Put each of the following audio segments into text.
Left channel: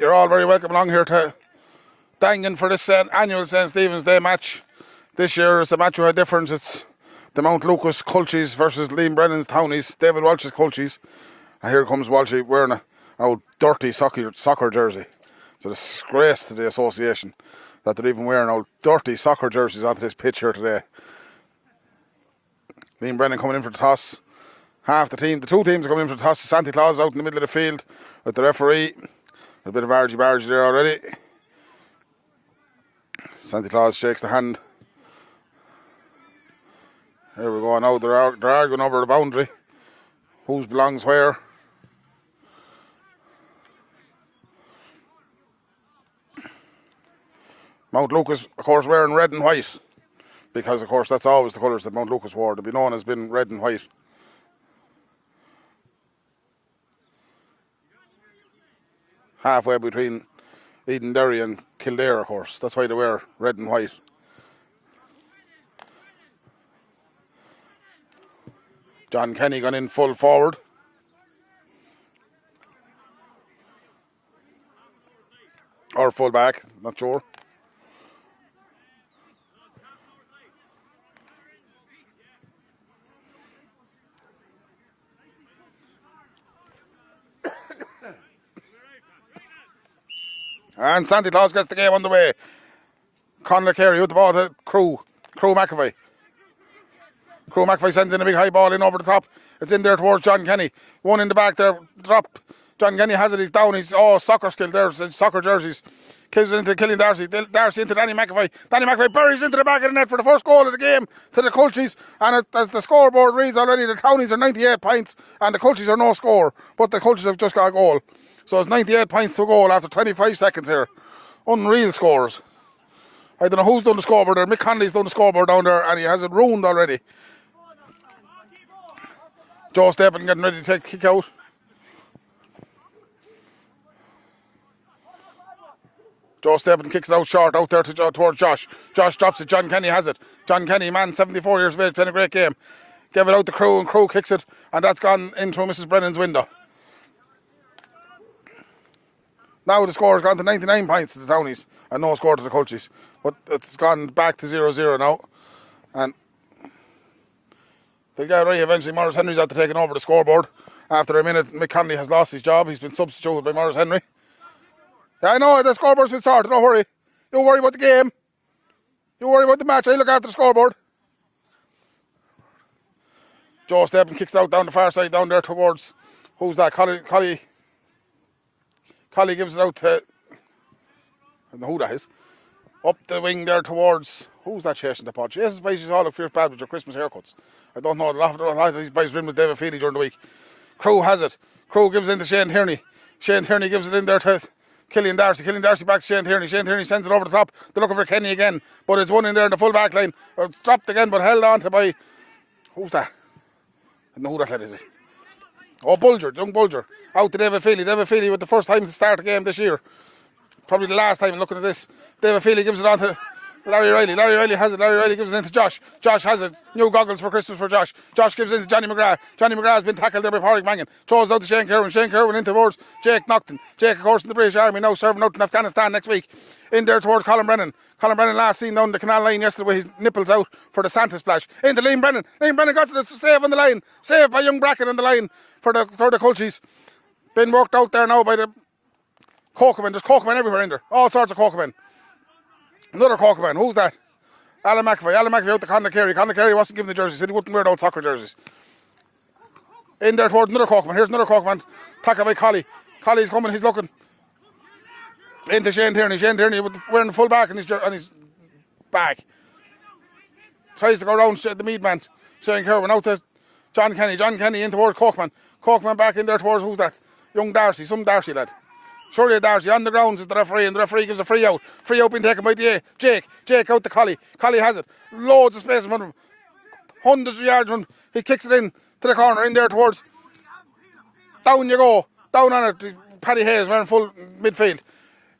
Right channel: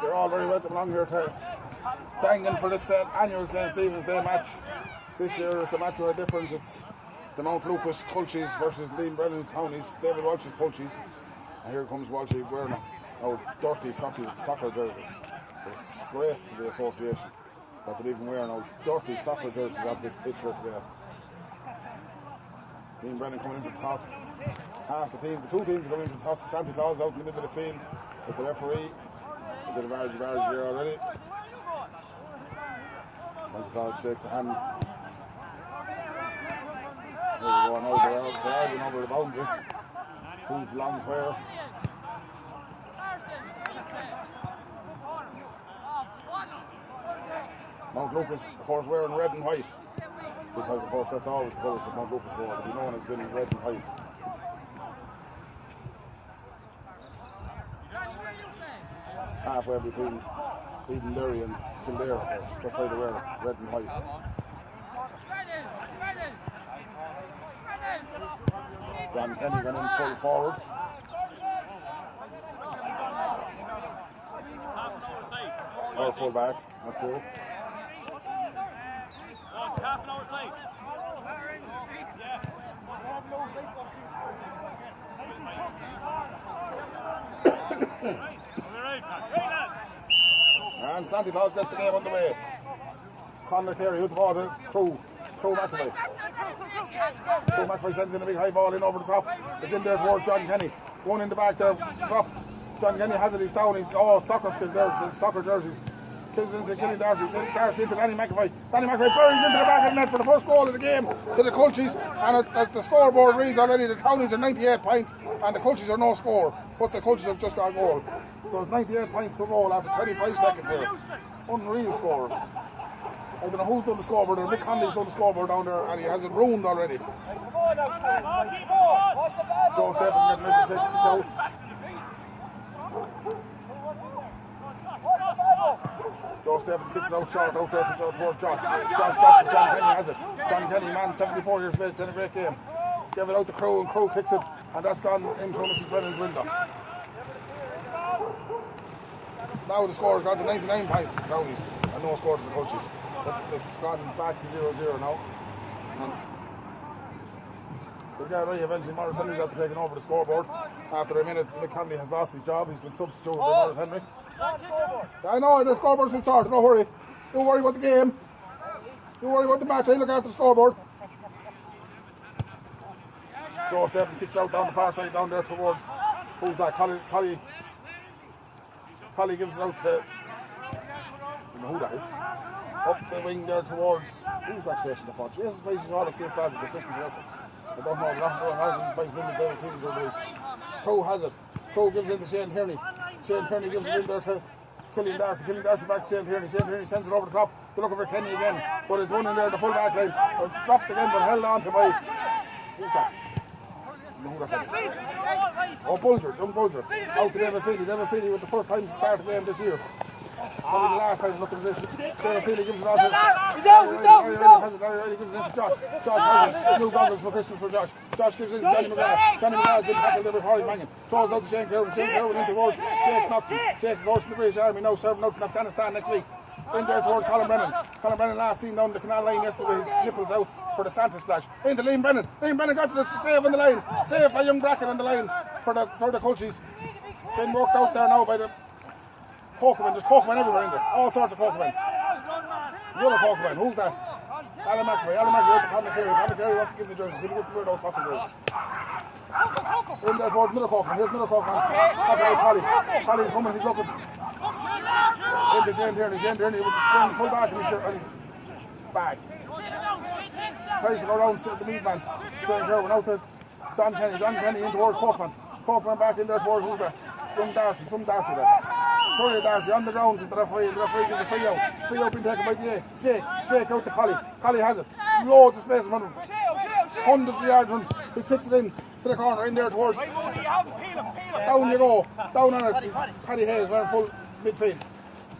You're all very welcome along here to Daingean for this annual St. Stephen's Day match. This year it's a match with a difference. It's the Mount Lucas Culchies versus Liam Brennan's Townies, David Walsh's Culchies. And here comes Walshy wearing an old dirty soccer jersey. It's a disgrace to the association that they're even wearing old dirty soccer jerseys onto this pitch here today. Liam Brennan coming in for the toss. Half the team, the two teams are coming in for the toss. Santa Claus out in the middle of the field with the referee. A bit of argy-bargy there already. Santa Claus shakes the hand. Here we go now, they're arguing over the boundary. Whose belongs where. Mount Lucas, of course, wearing red and white. Because, of course, that's always the colours that Mount Lucas wore. They'll be known as being red and white. Halfway between Edenderry and Kildare, of course. That's why they wear red and white. John Kenny gone in full forward. Or full back, not sure. And Santa Claus gets the game underway. Conor Carey with the ball to Crew McAvoy. Crew McAvoy sends in a big high ball in over the top. It's in there towards John Kenny. One in the back there, drop. John Kenny has it, he's down, he's soccer skill there, soccer jerseys. Kills it into Killian Darcy. Darcy into Danny McAvoy. Danny McAvoy buries into the back of the net for the first goal of the game to the Culchies. And as the scoreboard reads already, the Townies are 98 points and the Culchies are no score. But the Culchies have just got a goal. So it's 98 points to a goal after 25 seconds here. Unreal scores. I don't know who's done the scoreboard there. Mick Conley's done the scoreboard down there and he has it ruined already. Joe Stephen getting ready to take the kick out. Joe Stephen kicks it out short out there towards Josh. Josh drops it, John Kenny has it. John Kenny, man, 74 years of age, playing a great game. Gave it out to Crew and Crew kicks it and that's gone in through Mrs. Brennan's window. Now the score has gone to 99 points to the Townies and no score to the Culchies. But it's gone back to 0-0 now. And they'll get right eventually. Maurice Henry's after taking over the scoreboard. After a minute, Mick Conley has lost his job. He's been substituted by Maurice Henry. Yeah, I know, the scoreboard's been sorted, don't worry. Don't worry about the game. Don't worry about the match, I look after the scoreboard. Joe Stephen kicks it out down the far side, down there towards, who's that, Collie gives it out to, I don't know who that is. Up the wing there towards, who's that chasing the pot? Jesus, boys, all of Fierce Bad with your Christmas haircuts. I don't know, a lot of these boys rimmed with David Feely during the week. Crew has it. Crew gives it in to Shane Tierney. Shane Tierney gives it in there to Killian Darcy. Killian Darcy back to Shane Tierney. Shane Tierney sends it over the top. They're looking for Kenny again. But it's one in there in the full back line. Dropped again, but held on to by, who's that? I don't know who that lad is. Oh, Bulger, young Bulger. Out to David Feely. David Feely with the first time to start the game this year. Probably the last time looking at this. David Feely gives it on to Larry Riley. Larry Riley has it. Larry Riley gives it into Josh. Josh has it. New goggles for Christmas for Josh. Josh gives it to Johnny McGrath. Johnny McGrath has been tackled there by Pádraig Mangan. Throws out to Shane Kerwin. Shane Kerwin in towards Jake Knockton. Jake, of course, in the British Army now serving out in Afghanistan next week. In there towards Colin Brennan. Colin Brennan last seen down the canal line yesterday with his nipples out for the Santa splash. Into Liam Brennan. Liam Brennan got to the save on the line. Save by young Bracken on the line for the Culchies. Been worked out there now by the Cokeman, there's Cokeman everywhere in there. All sorts of Cokeman. Another Cokeman, who's that? Alan McAvoy out to Conor Carey. Conor Carey wasn't given the jersey, said he wouldn't wear those soccer jerseys. In there towards another Cokeman. Here's another Cokeman. Tackled by Collie. Collie's coming, he's looking. Into Shane Tierney. Shane Tierney wearing the full back on his bag. Tries to go around the meat man. Shane Kerwin out to John Kenny. John Kenny in towards Cokeman. Cokeman back in there towards who's that? Young Darcy, some Darcy lad. Surely Darcy on the grounds is the referee, and the referee gives a free out. Free out being taken by the Jake out to Collie. Collie has it. Loads of space in front of him. Hundreds of yards from. He kicks it in to the corner, in there towards. Down you go. Down on it. Paddy Hayes wearing full midfield.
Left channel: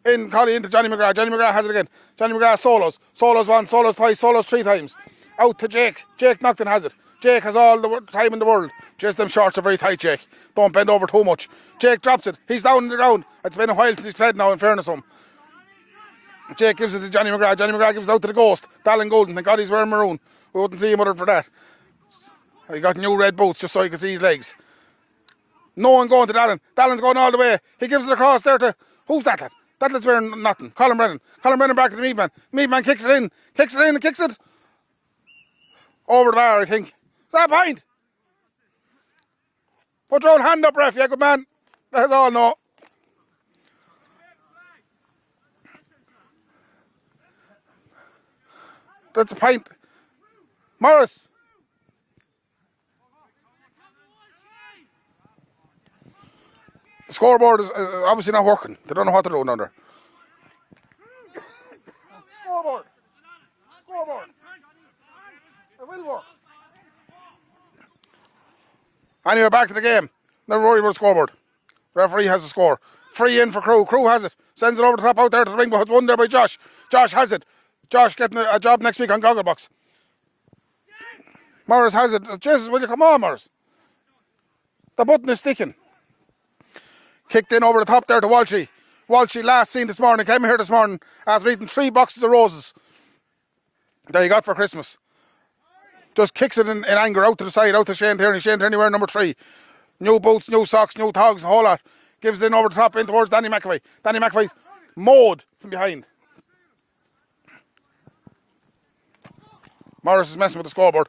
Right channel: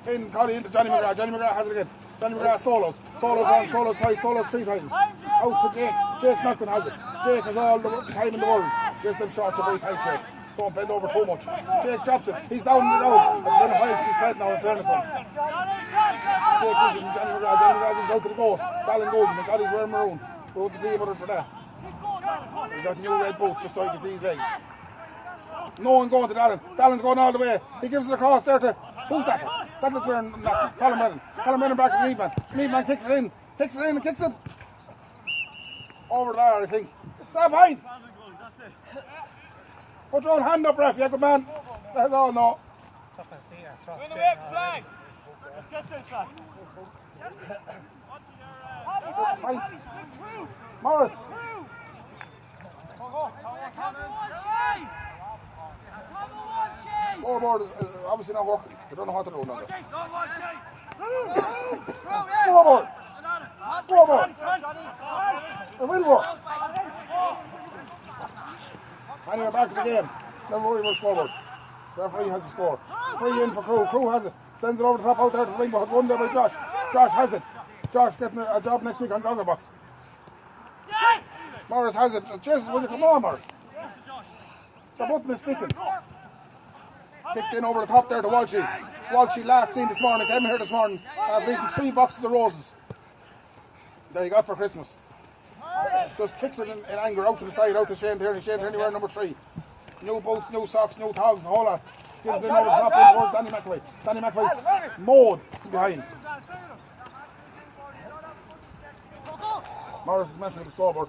In Collie into Johnny McGrath. Johnny McGrath has it again. Johnny McGrath solos. Solos once, solos twice, solos 3 times. Out to Jake. Jake Nocton has it. Jake has all the time in the world. Just them shorts are very tight, Jake. Don't bend over too much. Jake drops it. He's down on the ground. It's been a while since he's played now, in fairness to him. Jake gives it to Johnny McGrath. Johnny McGrath gives it out to the Ghost. Dallin Golden. Thank God he's wearing maroon. We wouldn't see him other for that. He got new red boots just so he could see his legs. No one going to Dallin. Dallin's going all the way. He gives it across there to... Who's that? That lad's wearing nothing. Colin Brennan. Colin Brennan back to the meat man. Meat man kicks it in. Kicks it in and kicks it. Over the bar, I think. Is that a point? Put your own hand up, ref. Yeah, good man. That's all, no. That's a pint. Morris. The scoreboard is obviously not working. They don't know what they're doing down there. Scoreboard. Scoreboard. Anyway, back to the game. Never worry about the scoreboard. Referee has the score. Free in for Crew. Crew has it. Sends it over the top out there to the ring, but it's won there by Josh. Josh has it. Josh getting a job next week on Gogglebox. Morris has it. Jesus, will you come on, Morris? The button is sticking. Kicked in over the top there to Walshy. Walshy last seen this morning, came here this morning after eating 3 boxes of roses. There you got for Christmas. Just kicks it in anger out to the side, out to Shane Tierney. Shane Tierney wearing number 3. New boots, new socks, new togs, the whole lot. Gives it in over the top in towards Danny McAvoy. Danny McAvoy's mowed from behind. Morris is messing with the scoreboard.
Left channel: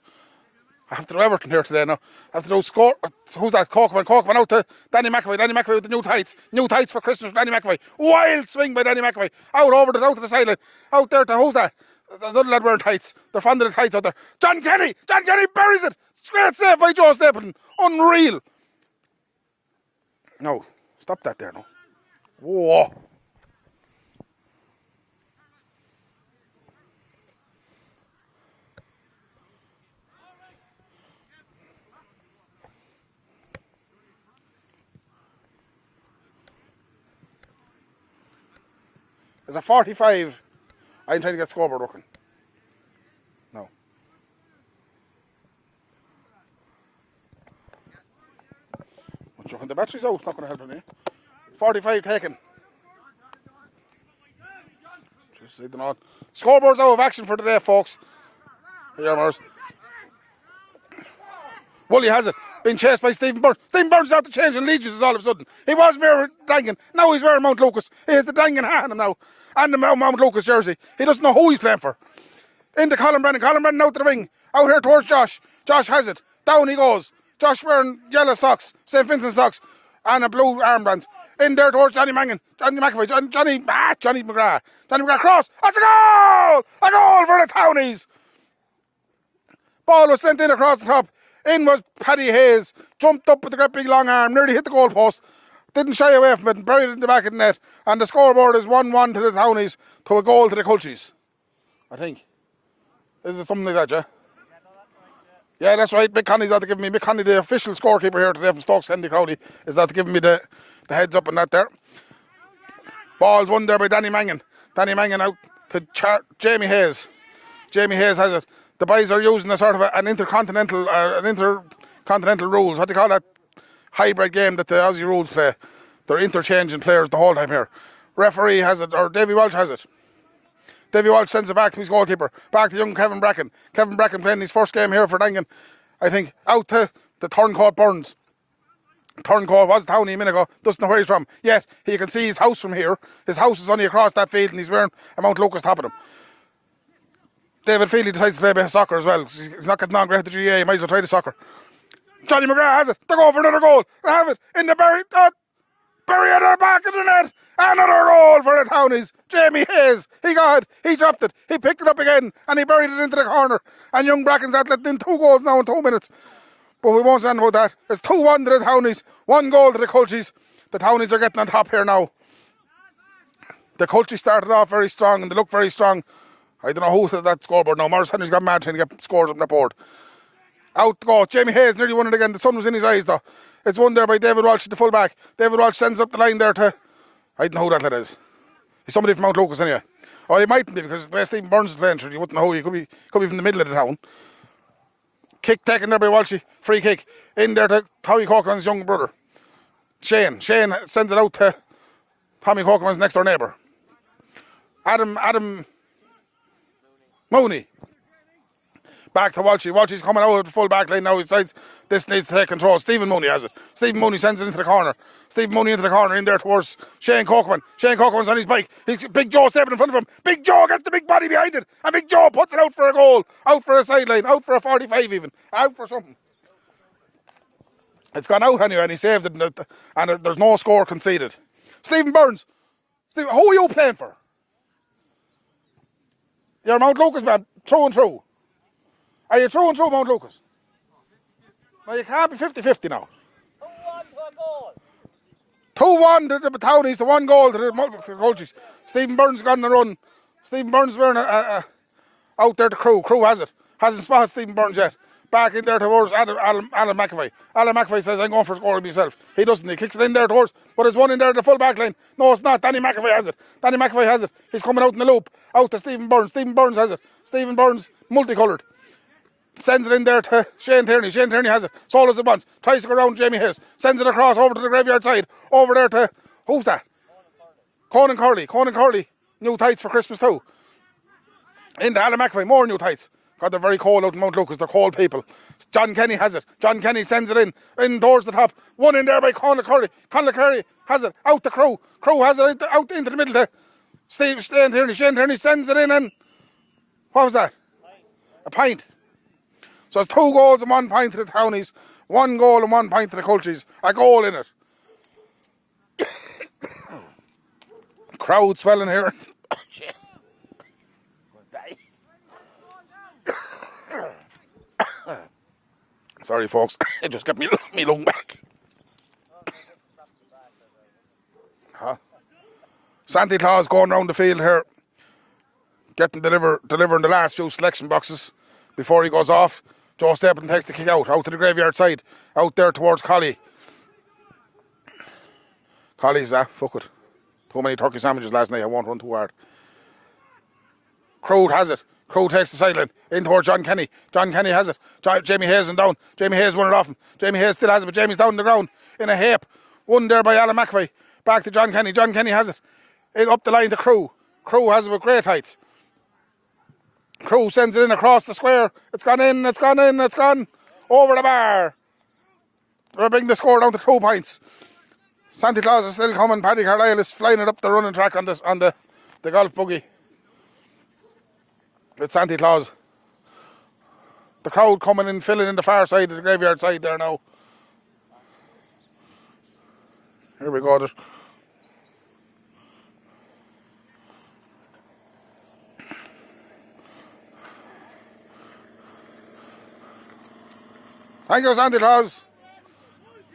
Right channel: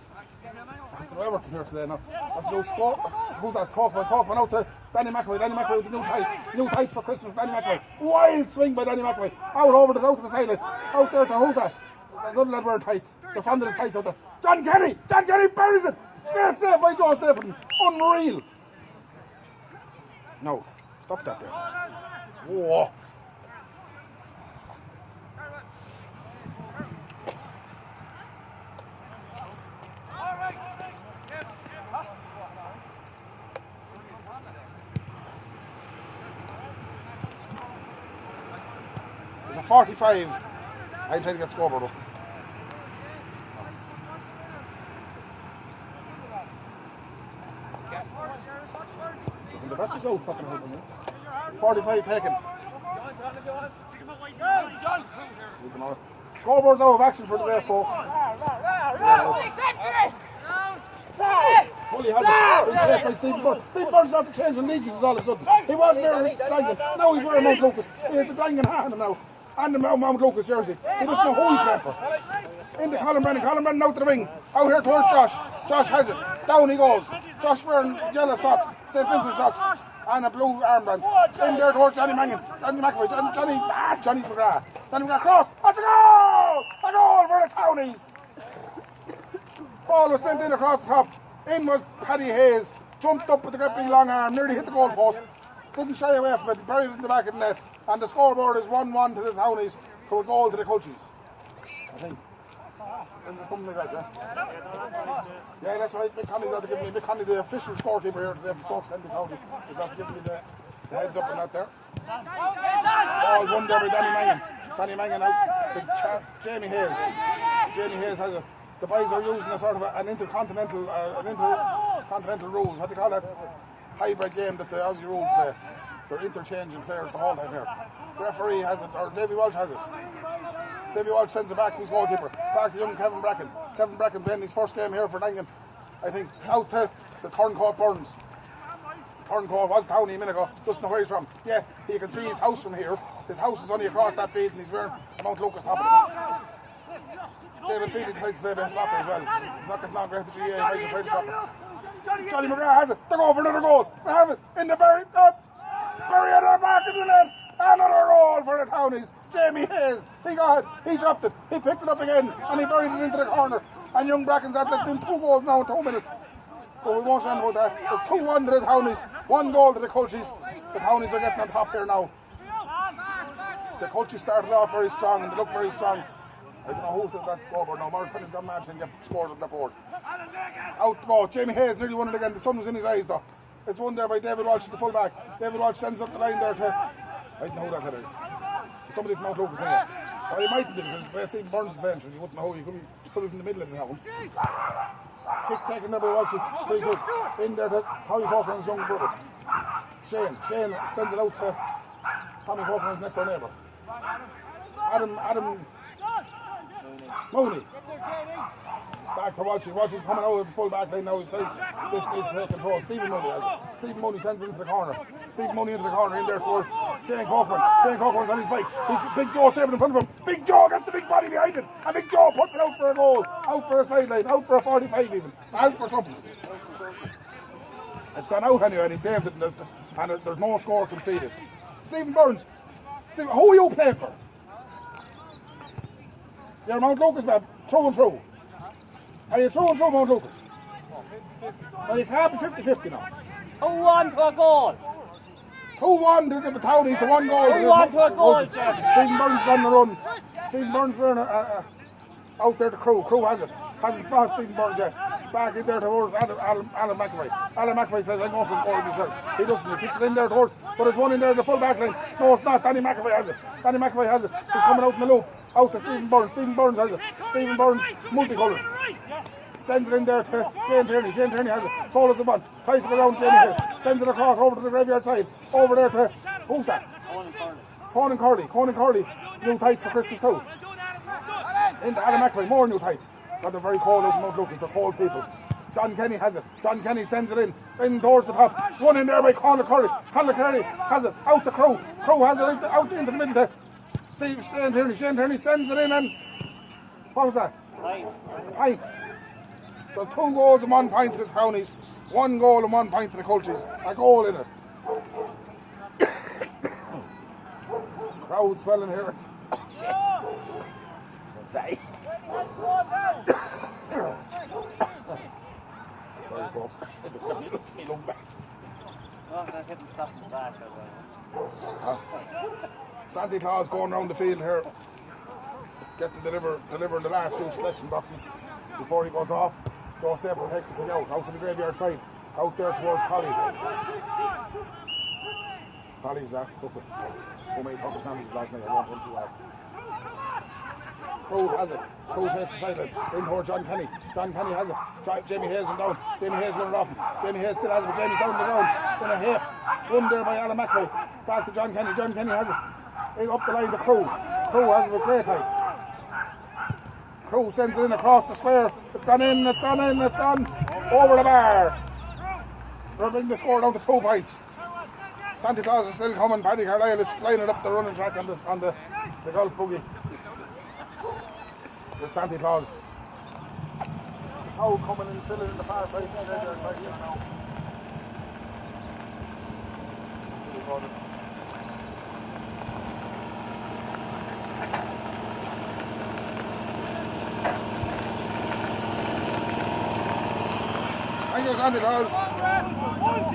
I have to do Everton here today now. I have to do score. Who's that? Cokeman. Cokeman out to Danny McAvoy. Danny McAvoy with the new tights. New tights for Christmas for Danny McAvoy. Wild swing by Danny McAvoy. Out to the sideline. Out there to who's that? The other lad wearing tights. They're fond of the tights out there. John Kenny! John Kenny buries it! Great save by Joe Stapleton. Unreal. No. Stop that there. Whoa. There's a 45. I'm trying to get scoreboard working. No. Chucking the batteries out, it's not going to help me. 45 taken. Scoreboard's out of action for today, folks. Woolley has it. Been chased by Stephen Byrne. Stephen Byrne's out to change and Legions all of a sudden. He was wearing Daingean. Now he's wearing Mount Lucas. He has the Daingean hat on him now. And the Mount Lucas jersey. He doesn't know who he's playing for. Into Colin Brennan. Colin Brennan out to the ring. Out here towards Josh. Josh has it. Down he goes. Josh wearing yellow socks. St. Vincent socks. And a blue armbands. In there towards Johnny Mangan. Johnny McAvoy. Johnny McGrath. Johnny McGrath cross. That's a goal! A goal for the Townies. Ball was sent in across the top. In was Paddy Hayes. Jumped up with a great big long arm. Nearly hit the goal post. Didn't shy away from it and buried it in the back of the net. And the scoreboard is 1-1 to the Townies to a goal to the Culchies. I think. Is it something like that, yeah? Yeah, that's right. Mick Conley's out to give me, Mick Conley, the official scorekeeper here today from Stokes, Henry Crowley, is out to give me the heads up on that there. Ball's won there by Danny Mangan. Danny Mangan out to Jamie Hayes. Jamie Hayes has it. The boys are using a sort of an intercontinental rules. What do you call that? Hybrid game that the Aussie rules play. They're interchanging players the whole time here. Referee has it, or Davy Walsh has it. Davy Walsh sends it back to his goalkeeper. Back to young Kevin Bracken. Kevin Bracken playing his first game here for Daingean. I think out to the turncoat Burns. Turncoat was Townie a minute ago, doesn't know where he's from. Yet he can see his house from here. His house is only across that field and he's wearing a Mount Lucas top of him. David Feely decides to play a bit of soccer as well. He's not getting on great at the GAA, he might as well try the soccer. Johnny McGrath has it, they go for another goal. They have it in the Barry. Barry at the back of the net. Another goal for the Townies. Jamie Hayes, he got it, he dropped it, he picked it up again and he buried it into the corner. And Young Brackens have let in 2 goals now in 2 minutes. But we won't stand about that. It's 2-1 to the Townies, 1 goal to the Culchies. The Townies are getting on top here now. The Culchies started off very strong and they look very strong. I don't know who said that scoreboard now. Morris Henry's got mad trying to get scores up on the board. Out the goal. Jamie Hayes nearly won it again. The sun was in his eyes though. It's won there by David Walsh, the fullback. David Walsh sends up the line there to... I don't know who that lad is. He's somebody from Mount Lucas anyway. Well, he mightn't be because the way Stephen Burns is playing, sure, you wouldn't know who. He could be from the middle of the town. Kick taken there by Walshy. Free kick. In there to Tommy Corcoran's young brother. Shane sends it out to Tommy Corcoran's next door neighbour. Adam Mooney. Back to Walshy. Walshy's coming out of the full back line now. He decides this needs to take control. Stephen Mooney has it. Stephen Mooney sends it into the corner. Stephen Mooney into the corner, in there towards Shane Corcoran. Shane Corcoran's on his bike. Big Joe stepping in front of him. Big Joe gets the big body behind it. And Big Joe puts it out for a goal. Out for a sideline. Out for a 45 even. Out for something. It's gone out anyway and he saved it. And there's no score conceded. Stephen Burns. Who are you playing for? You're Mount Lucas man. Through and through. Are you through and through Mount Lucas? Well, you can't be 50-50 now. 2-1 to a goal. 2-1 to the Townies, the 1 goal to the Culchies. Stephen Burns gone on the run. Stephen Burns wearing out there to Crew. Crew has it. Hasn't spotted Stephen Burns yet. Back in there towards Alan McAvoy. Alan McAvoy says, I'm going for a score myself. He doesn't. He kicks it in there towards, but there's one in there at the full back line. No, it's not. Danny McAvoy has it. Danny McAvoy has it. He's coming out in the loop. Out to Stephen Burns. Stephen Burns has it. Stephen Burns, multicoloured. Sends it in there to Shane Tierney. Shane Tierney has it. Sold as it wants. Tries to go around Jamie Hayes. Sends it across over to the graveyard side. Over there to... Who's that? Conan Curley. Conan Curley. New tights for Christmas too. Into Alan McAvoy. More new tights. God, they're very cold out in Mount Lucas. They're cold people. John Kenny has it. John Kenny sends it in towards the top. One in there by Conor Curry. Conor Curry has it out to Crew. Crew has it out into the middle to Shane Tierney. Shane Tierney sends it in and... What was that? A pint. So it's 2 goals and 1 pint to the Townies, 1 goal and 1 pint to the Culchies. A goal in it. Crowd swelling here. Sorry folks, it just got me lung back. Santa Claus going round the field here, delivering the last few selection boxes before he goes off. Joe Stapleton takes the kick out to the graveyard side, out there towards Collie. Collie's fuck it. Too many turkey sandwiches last night, I won't run too hard. Crowd has it. Crowd takes the sideline, in towards John Kenny. John Kenny has it. Jamie Hayes is down. Jamie Hayes won it off him. Jamie Hayes still has it, but Jamie's down on the ground in a heap. Won there by Alan McAvoy. Back to John Kenny. John Kenny has it. Up the line to Crew. Crew has it with great heights. Crew sends it in across the square. It's gone in, it's gone in, it's gone over the bar. We're bringing the score down to 2 points. Santa Claus is still coming. Paddy Carlisle is flying it up the running track on the golf buggy. It's Santa Claus. The crowd coming in, filling in the far side of the graveyard side there now. Here we go. Thank you, Santa Claus.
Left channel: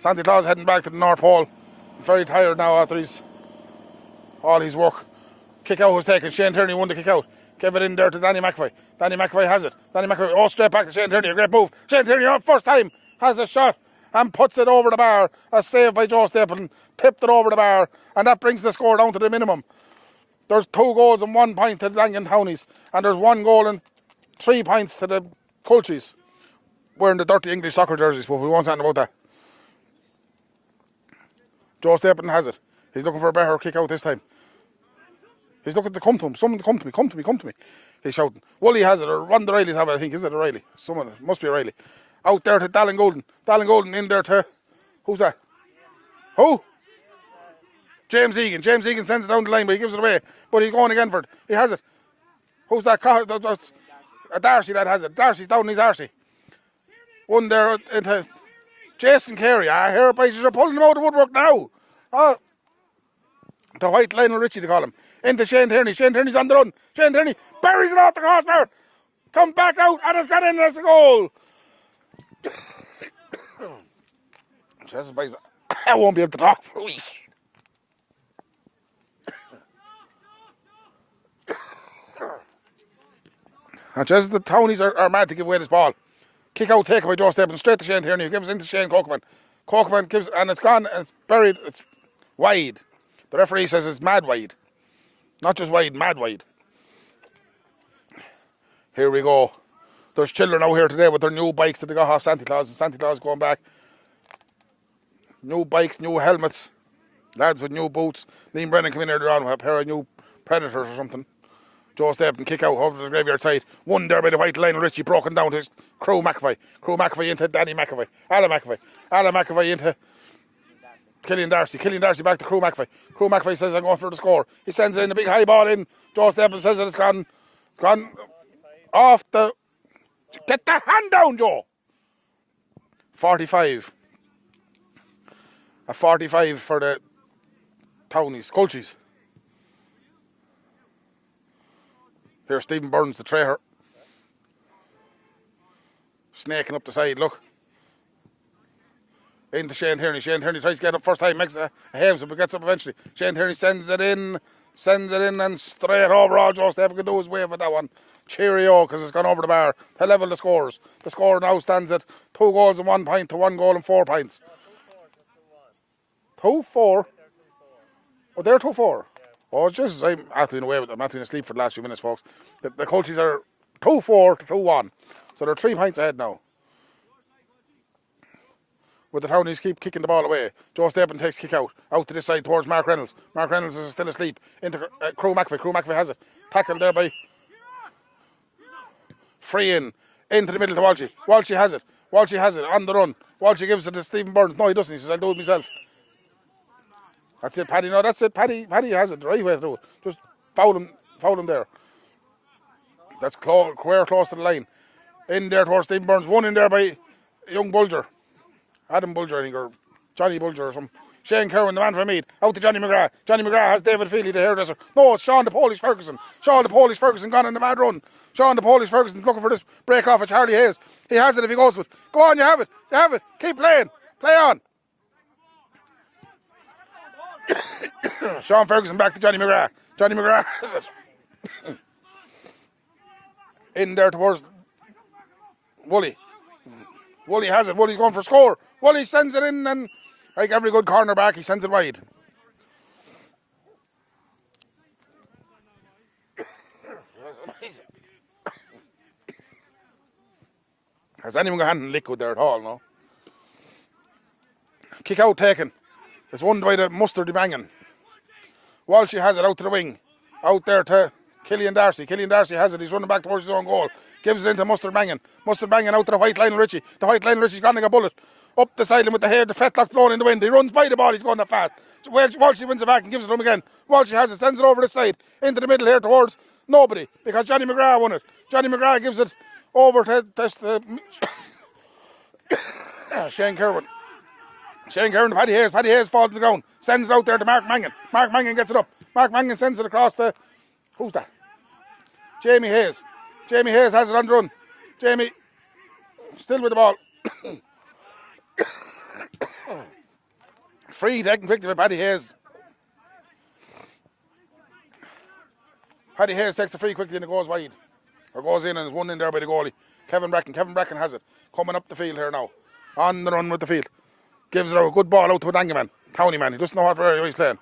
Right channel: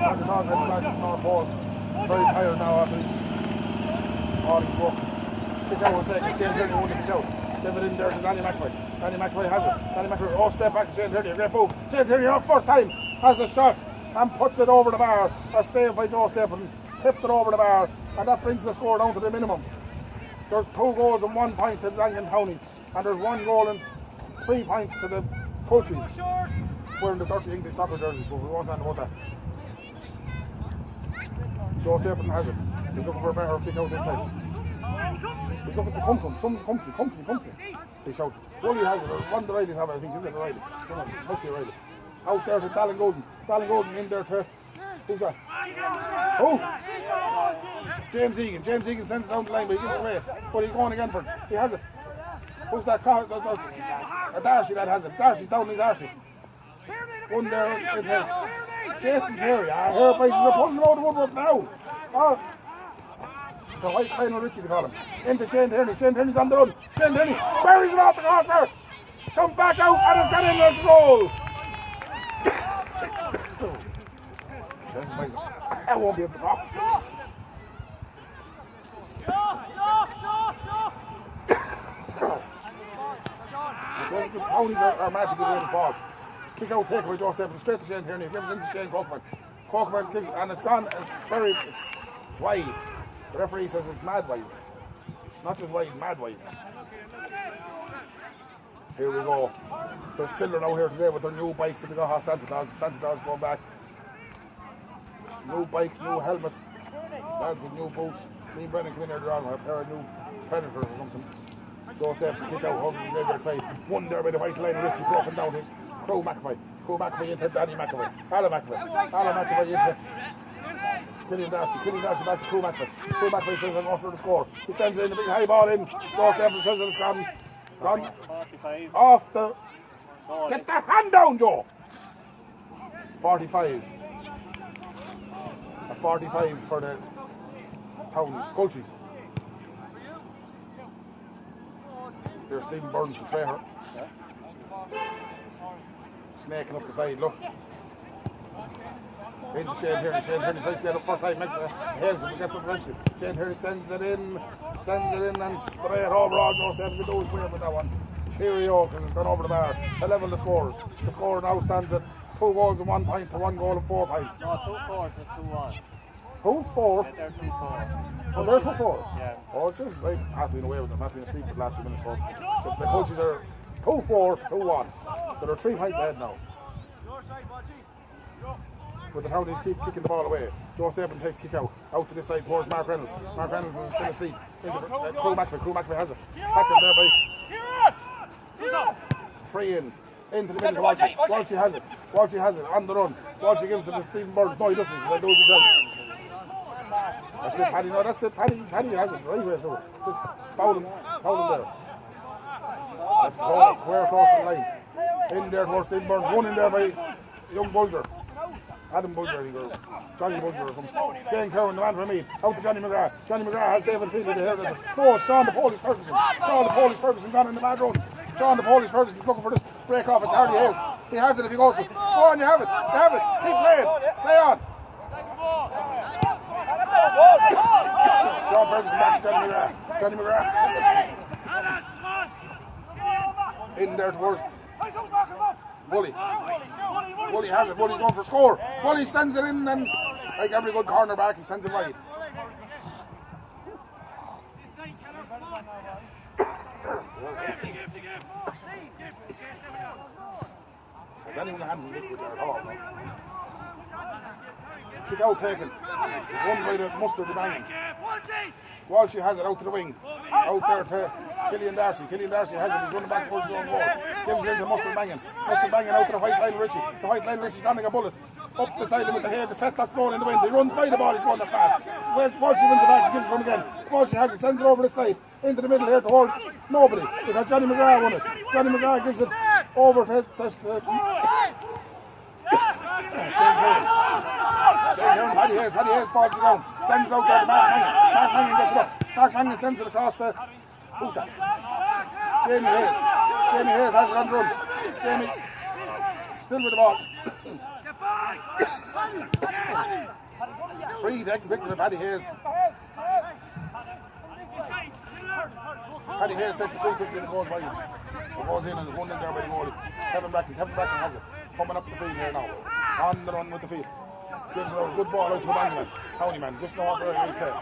Santa Claus heading back to the North Pole. Very tired now after all his work. Kick out was taken. Shane Tierney won the kick out. Gave it in there to Danny McAvoy. Danny McAvoy has it. Danny McAvoy, straight back to Shane Tierney. A great move. Shane Tierney, first time, has a shot and puts it over the bar. A save by Joe Stapleton. Tipped it over the bar. And that brings the score down to the minimum. There's 2 goals and 1 point to the Daingean Townies. And there's 1 goal and 3 points to the Culchies. Wearing the dirty English soccer jerseys, but we won't say anything about that. Joe Stapleton has it. He's looking for a better kick out this time. He's looking to come to him. Someone come to me. He's shouting. Wooly has it, or one of the Rileys have it, I think. Is it a Riley? Someone, must be a Riley. Out there to Dallin Golden. Dallin Golden in there to, who's that? Who? James Egan. James Egan sends it down the line, but he gives it away. But he's going again for it. He has it. Who's that? Darcy that has it. Darcy's down his Darcy. One there into Jason Carey. I hear places are pulling him out of the woodwork now. Oh. The white Lionel Richie, they call him. Into Shane Tierney. Shane Tierney's on the run. Shane Tierney buries it off the crossbar. Comes back out and it's gone in as a goal. I won't be able to talk. Now, just the Townies are mad to give away this ball. Kick out, take away Joe Stapleton, straight to Shane Tierney, who gives it into Shane Cokeman. Cokeman gives it, and it's gone, it's buried, it's wide. The referee says it's mad wide. Not just wide, mad wide. Here we go. There's children out here today with their new bikes that they got off Santa Claus. Santa Claus going back. New bikes, new helmets. Lads with new boots. Liam Brennan came in earlier on with a pair of new Predators or something. Joe Stapleton kick out over to the graveyard side. One there by the white line. Richie broken down to his Crew McAvoy. Crew McAvoy into Danny McAvoy. Alan McAvoy. Alan McAvoy into Killian Darcy. Killian Darcy back to Crew McAvoy. Crew McAvoy says I'm going for the score. He sends it in, the big high ball in. Joe Stapleton says that it's gone off the... Get the hand down, Joe! 45. A 45 for the Townies. Colchies. Here's Stephen Burns, the traitor. Snaking up the side, look. Into Shane Tierney. Shane Tierney tries to get up first time, makes a haves it, but gets up eventually. Shane Tierney sends it in, and straight over. All Joe Stapleton can do his way for that one. Cheerio, because it's gone over the bar. To level the scores. The score now stands at 2 goals and 1 point to 1 goal and 4 points. No, 2-4 to 2-1. 2-4? Yeah, they're 2-4. Oh, they're 2-4? Yeah. Oh, it's just, I'm after being away with them. I'm after being asleep for the last few minutes, folks. The coaches are 2-4 to 2-1. So they're 3 points ahead now. But the Townies keep kicking the ball away. Joe Stapleton takes kick out to this side towards Mark Reynolds. Mark Reynolds is still asleep. Into Crew McAvoy. Crew McAvoy has it. Tackled there by... Free into the middle to Walshy. Walshy has it. Walshy has it on the run. Walshy gives it to Stephen Burns. No, he doesn't. He says, I do it myself. That's it, Paddy. No, that's it. Paddy has it the right way to do it. Just foul him there. That's close to the line. In there towards Stephen Burns. One in there by young Bulger. Adam Bulger, I think, or Johnny Bulger or something. Shane Cowan, the man from Mead. Out to Johnny McGrath. Johnny McGrath has David Feely, the hairdresser. No, it's Sean the Polish Ferguson. Sean the Polish Ferguson gone on the mad run. Sean the Polish Ferguson looking for this break off of Charlie Hayes. He has it if he goes for it. Go on, you have it. You have it. Keep playing. Play on. Sean Ferguson back to Johnny McGrath. Johnny McGrath. In there towards Wooly. Wooly has it. Wooly's going for a score. Wooly sends it in, and like every good cornerback, he sends it wide. Has anyone got hand in liquid there at all? No. Kick out taken. It's won by the Mustard Daingean. Walshy has it out to the wing. Out there to Killian Darcy. Killian Darcy has it. He's running back towards his own goal. Gives it into Mustard Daingean. Mustard Daingean out to the white Lionel Richie. The white Lionel Richie's gone like a bullet. Up the sideline with the hair, the fetlock blowing in the wind. He runs by the ball. He's going that fast. Walshy wins it back and gives it to him again. Walshy has it. Sends it over the side. Into the middle here towards nobody. Because Johnny McGrath won it. Johnny McGrath gives it over to Shane Curran. Shane Curran, Paddy Hayes. Paddy Hayes falls to the ground. Sends it out there to Mark Mangan. Mark Mangan gets it up. Mark Mangan sends it across the... Who's that? Jamie Hayes. Jamie Hayes has it on the run. Jamie still with the ball. Free taken quickly by Paddy Hayes. Paddy Hayes takes the free quickly and it goes wide. It goes in and there's one in there by the goalie. Kevin Bracken has it. Coming up the field here now. On the run with the field. Gives it a good ball out to a Daingean County man. He doesn't know what area he's playing.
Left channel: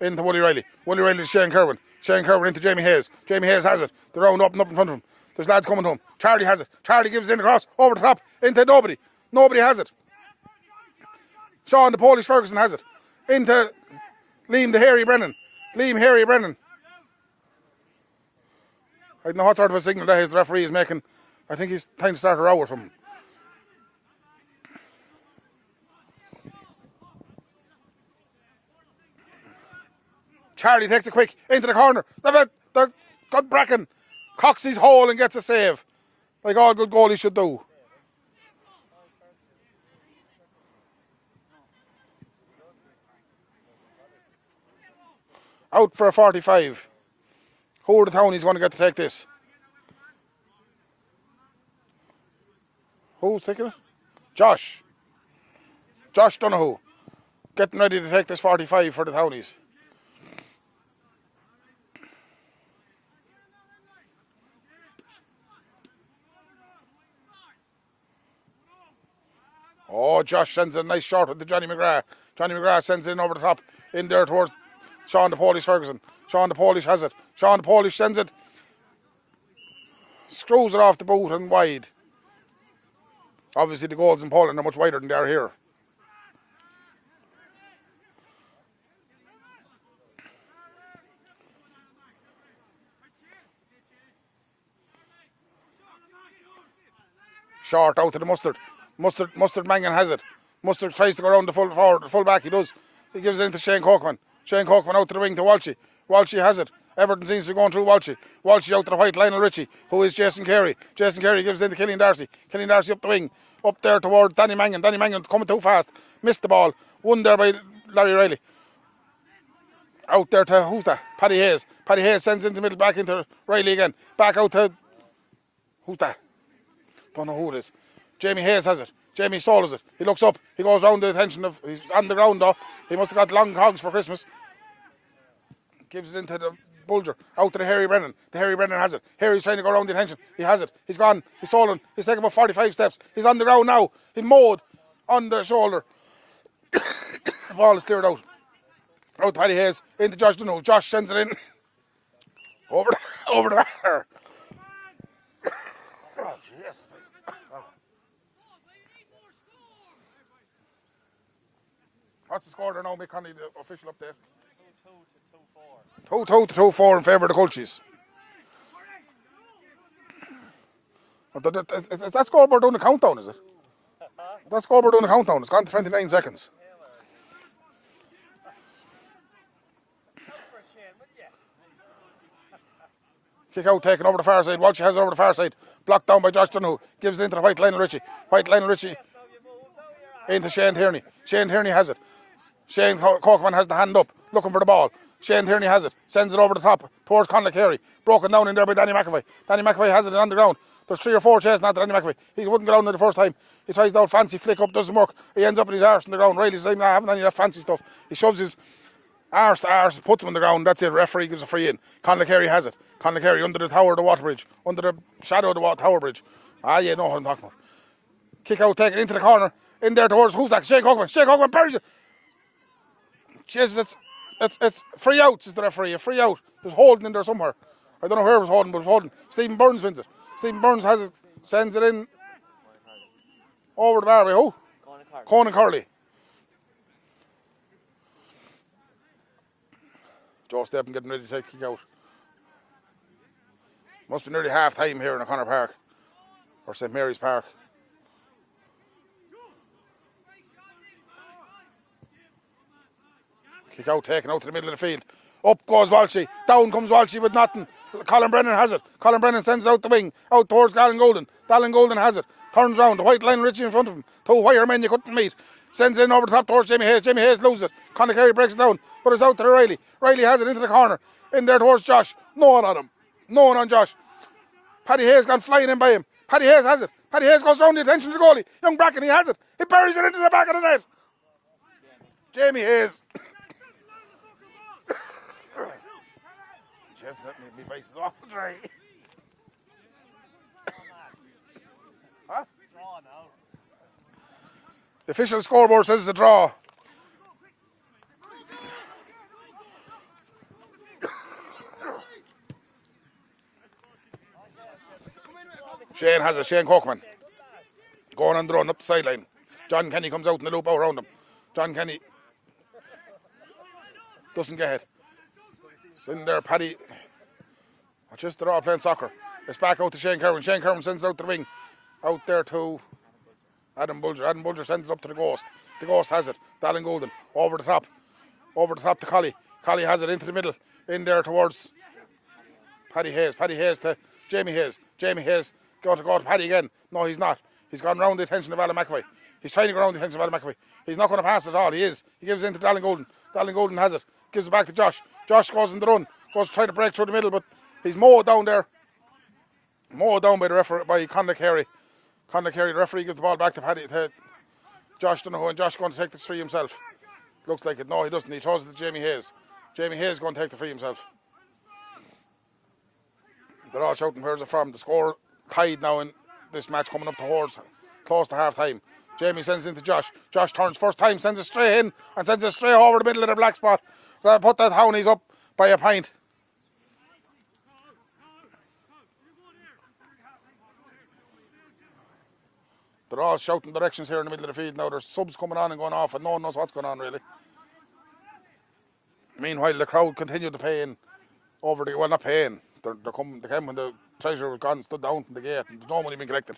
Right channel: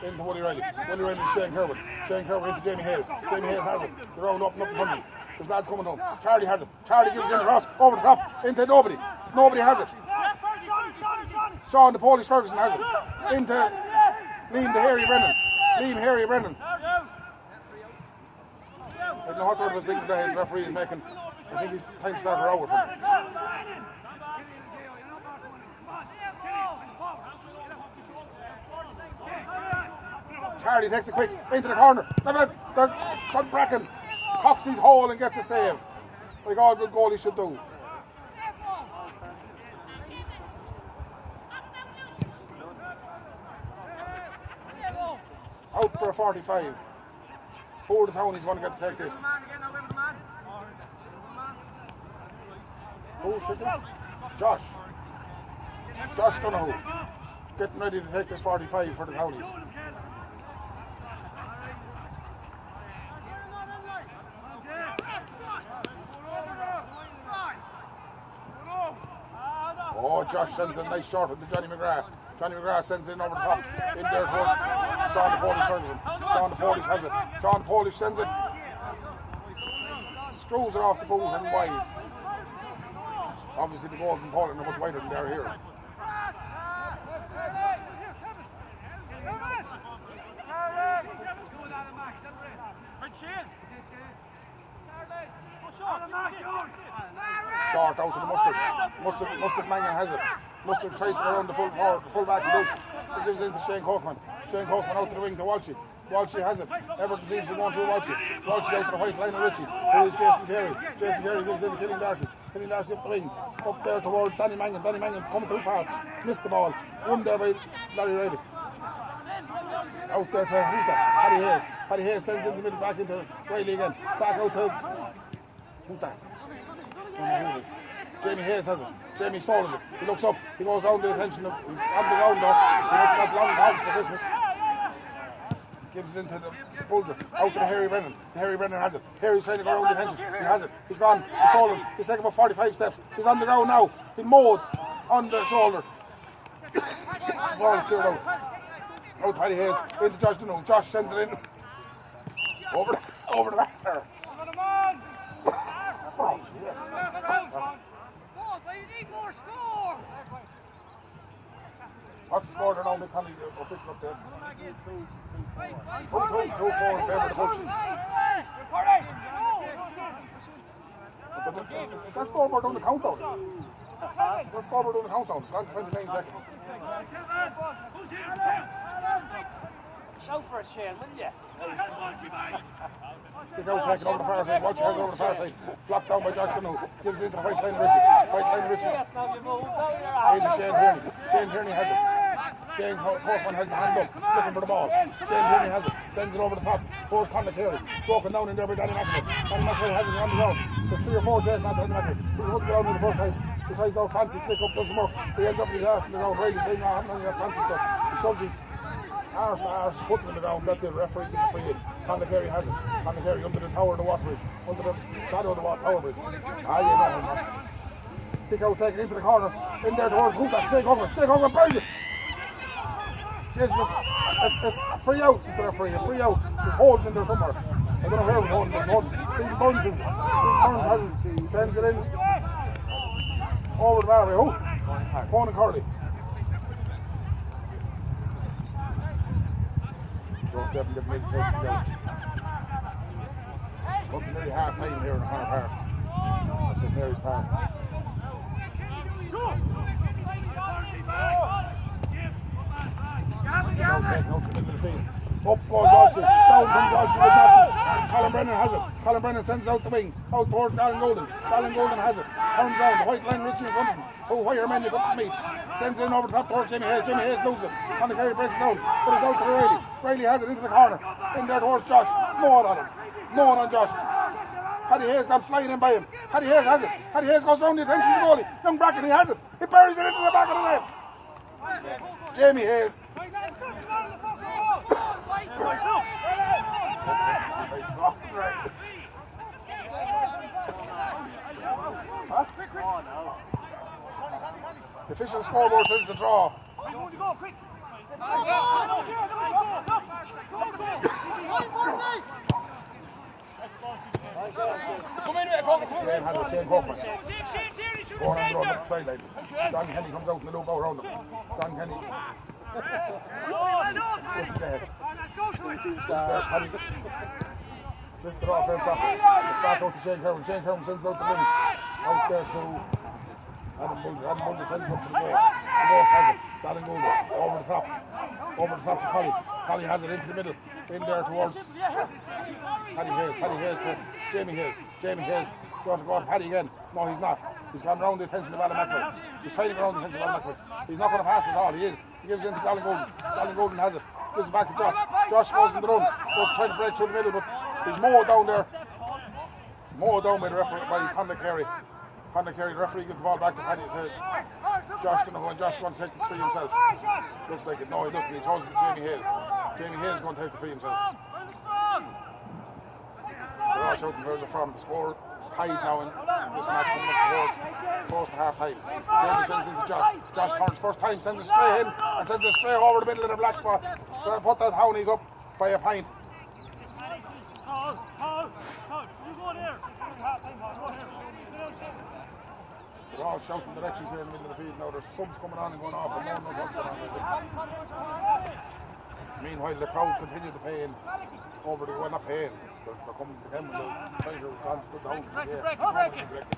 Into Wooly Riley. Wooly Riley to Shane Kerwin. Shane Kerwin into Jamie Hayes. Jamie Hayes has it. The round up and up in front of him. There's lads coming to him. Charlie has it. Charlie gives it in across. Over the top. Into nobody. Nobody has it. Sean the Polish Ferguson has it. Into Liam the Hairy Brennan. Liam Hairy Brennan. I don't know what sort of a signal that is the referee is making. I think he's time to start a row or something. Charlie takes it quick into the corner. The got Bracken cocks his hole and gets a save, like all good goalies should do. Out for a 45. Who are the townies going to get to take this? Who's taking it? Josh Donoghue getting ready to take this 45 for the townies. Oh, Josh sends a nice shot to Johnny McGrath. Johnny McGrath sends it in over the top, in there towards Sean the Polish Ferguson. Sean the Polish has it. Sean the Polish sends it. Screws it off the boot and wide. Obviously the goals in Poland are much wider than they are here. Short out to the Mustard. Mustard Mangan has it. Mustard tries to go around the full back. He does. He gives it into Shane Cockman. Shane Cockman out to the wing to Walshy. Walshy has it. Everton seems to be going through Walshy. Walshy out to the white Lionel Ritchie, who is Jason Carey. Jason Carey gives it into Killian Darcy. Killian Darcy up the wing. Up there toward Danny Mangan. Danny Mangan coming too fast. Missed the ball. Won there by Larry Riley. Out there to, who's that? Paddy Hayes. Paddy Hayes sends in the middle back into Riley again. Back out to, who's that? Don't know who it is. Jamie Hayes has it. Jamie Soul it. He looks up. He goes round the attention of. He's on the ground though. He must have got long hogs for Christmas. Gives it into the Bulger. Out to the Harry Brennan. The Harry Brennan has it. Harry's trying to go around the attention. He has it. He's gone. He's stolen. He's taken about 45 steps. He's on the ground now. He's mowed on the shoulder. The ball is cleared out. Out Paddy Hayes. Into Josh Dunno. Josh sends it in. Over the bar. What's the score there now, Nick Conley, the official up there? 2-4 in favour of the Culchies. Is that scoreboard doing the countdown, is it? That scoreboard doing the countdown. It's gone to 29 seconds. Kick out taken over the far side. Walshy has it over the far side. Blocked down by Josh Dunno. Gives it into the white Lionel Ritchie. White Lionel Ritchie into Shane Tierney. Shane Tierney has it. Shane Cockman has the hand up, looking for the ball. Shane Tierney has it, sends it over the top towards Conley Carey. Broken down in there by Danny McAvoy. Danny McAvoy has it on the ground. There's 3 or 4 chasing after Danny McAvoy. He wouldn't go down there the first time. He tries the old fancy flick up, doesn't work. He ends up with his arse on the ground. Riley's like, nah, I haven't any of that fancy stuff. He shoves his arse to arse, puts him on the ground. That's it. Referee gives a free in. Conley Carey has it. Conley Carey under the tower of the water bridge. Under the shadow of the tower bridge. Ah, yeah, no, I'm talking. Kick out, take it into the corner. In there towards, who's that? Shane Cockman. Shane Cockman buries it. Jesus, it's free out, is the referee. A free out. There's holding in there somewhere. I don't know where it was holding, but it was holding. Stephen Burns wins it. Stephen Burns has it, sends it in over the bar by who? Conan Curley. Joe Steppen getting ready to take the out. Must be nearly half time here in O'Connor Park, or St Mary's Park. Out taken out to the middle of the field. Up goes Walshy. Down comes Walshy with nothing. Colin Brennan has it. Colin Brennan sends it out the wing. Out towards Galen Golden. Galen Golden has it. Turns round. The white line Ritchie in front of him. 2 wire men you couldn't meet. Sends it in over the top towards Jamie Hayes. Jamie Hayes loses it. Conor Carey breaks it down. But it's out to Riley. Riley has it into the corner. In there towards Josh. No one on him. No one on Josh. Paddy Hayes gone flying in by him. Paddy Hayes has it. Paddy Hayes goes round the attention of the goalie. Young Bracken, he has it. He buries it into the back of the net. Jamie Hayes. The official scoreboard says it's a draw. Shane has it, Shane Cockman. Going on the run up the sideline. John Kenny comes out in the loop out around him. John Kenny doesn't get it. In there, Paddy. Just the raw playing soccer. It's back out to Shane Kerwin. Shane Kerwin sends it out the wing. Out there to Adam Bulger. Adam Bulger sends it up to the Ghost. The Ghost has it. Dallin Golden. Over the top. Over the top to Collie. Collie has it into the middle. In there towards Paddy Hayes to Jamie Hayes. Jamie Hayes going to go to Paddy again. No, he's not. He's gone round the attention of Alan McAvoy. He's trying to go round the attention of Alan McAvoy. He's not going to pass it at all. He is. He gives it into Daingean Golden. Daingean Golden has it. Gives it back to Josh. Josh goes in the run. Goes to try to break through the middle, but he's mowed down there. Mowed down by the referee, by Conor Carey. Conor Carey, the referee, gives the ball back to Paddy. To Josh Donoghue, and Josh is going to take this free himself. Looks like it. No, he doesn't. He throws it to Jamie Hayes. Jamie Hayes is going to take the free himself. They're all shouting where's it from. The score tied now in this match coming up towards close to half time. Jamie sends it to Josh. Josh turns first time, sends it straight in and sends it straight over the middle of the black spot. They'll put that Hownies up by a pint. They're all shouting directions here in the middle of the field now. There's subs coming on and going off and no one knows what's going on really. Meanwhile the crowd continue to pay in over the, well not paying, they came when the treasurer was gone, stood down, but yeah, no money being collected.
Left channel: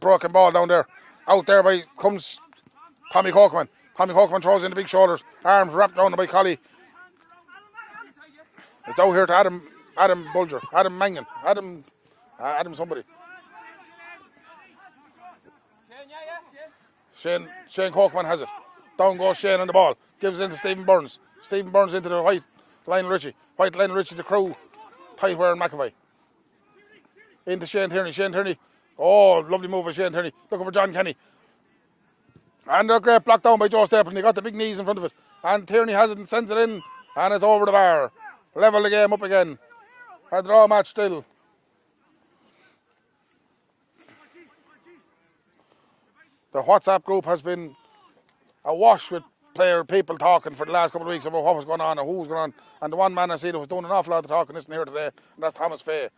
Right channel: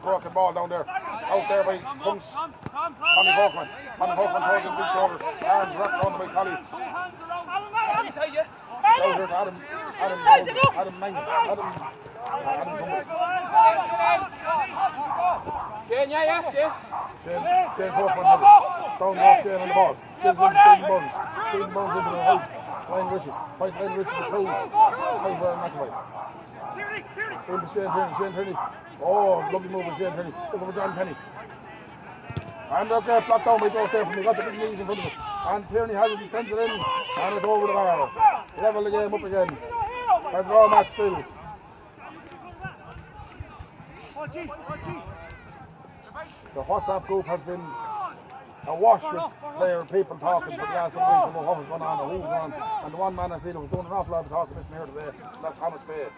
Broken ball down there. Out there by comes Tommy Cockman. Tommy Cockman throws in the big shoulders, arms wrapped around by Collie. It's out here to Adam Bulger, Adam Mangan, Adam somebody. Shane Cockman has it. Down goes Shane on the ball. Gives it into Stephen Burns. Stephen Burns into the white Lionel Richie. White Lionel Richie, the crew. Piper and McAvoy. Into Shane Tierney. Shane Tierney. Oh, lovely move by Shane Tierney. Looking for John Kenny. And they're great blocked down by Joe Stapleton. They got the big knees in front of it. And Tierney has it and sends it in. And it's over the bar. Level the game up again. A draw match still. The WhatsApp group has been awash with people talking for the last couple of weeks about what was going on or who was going on. And the one man I see that was doing an awful lot of talking this here today, and that's Thomas Fay.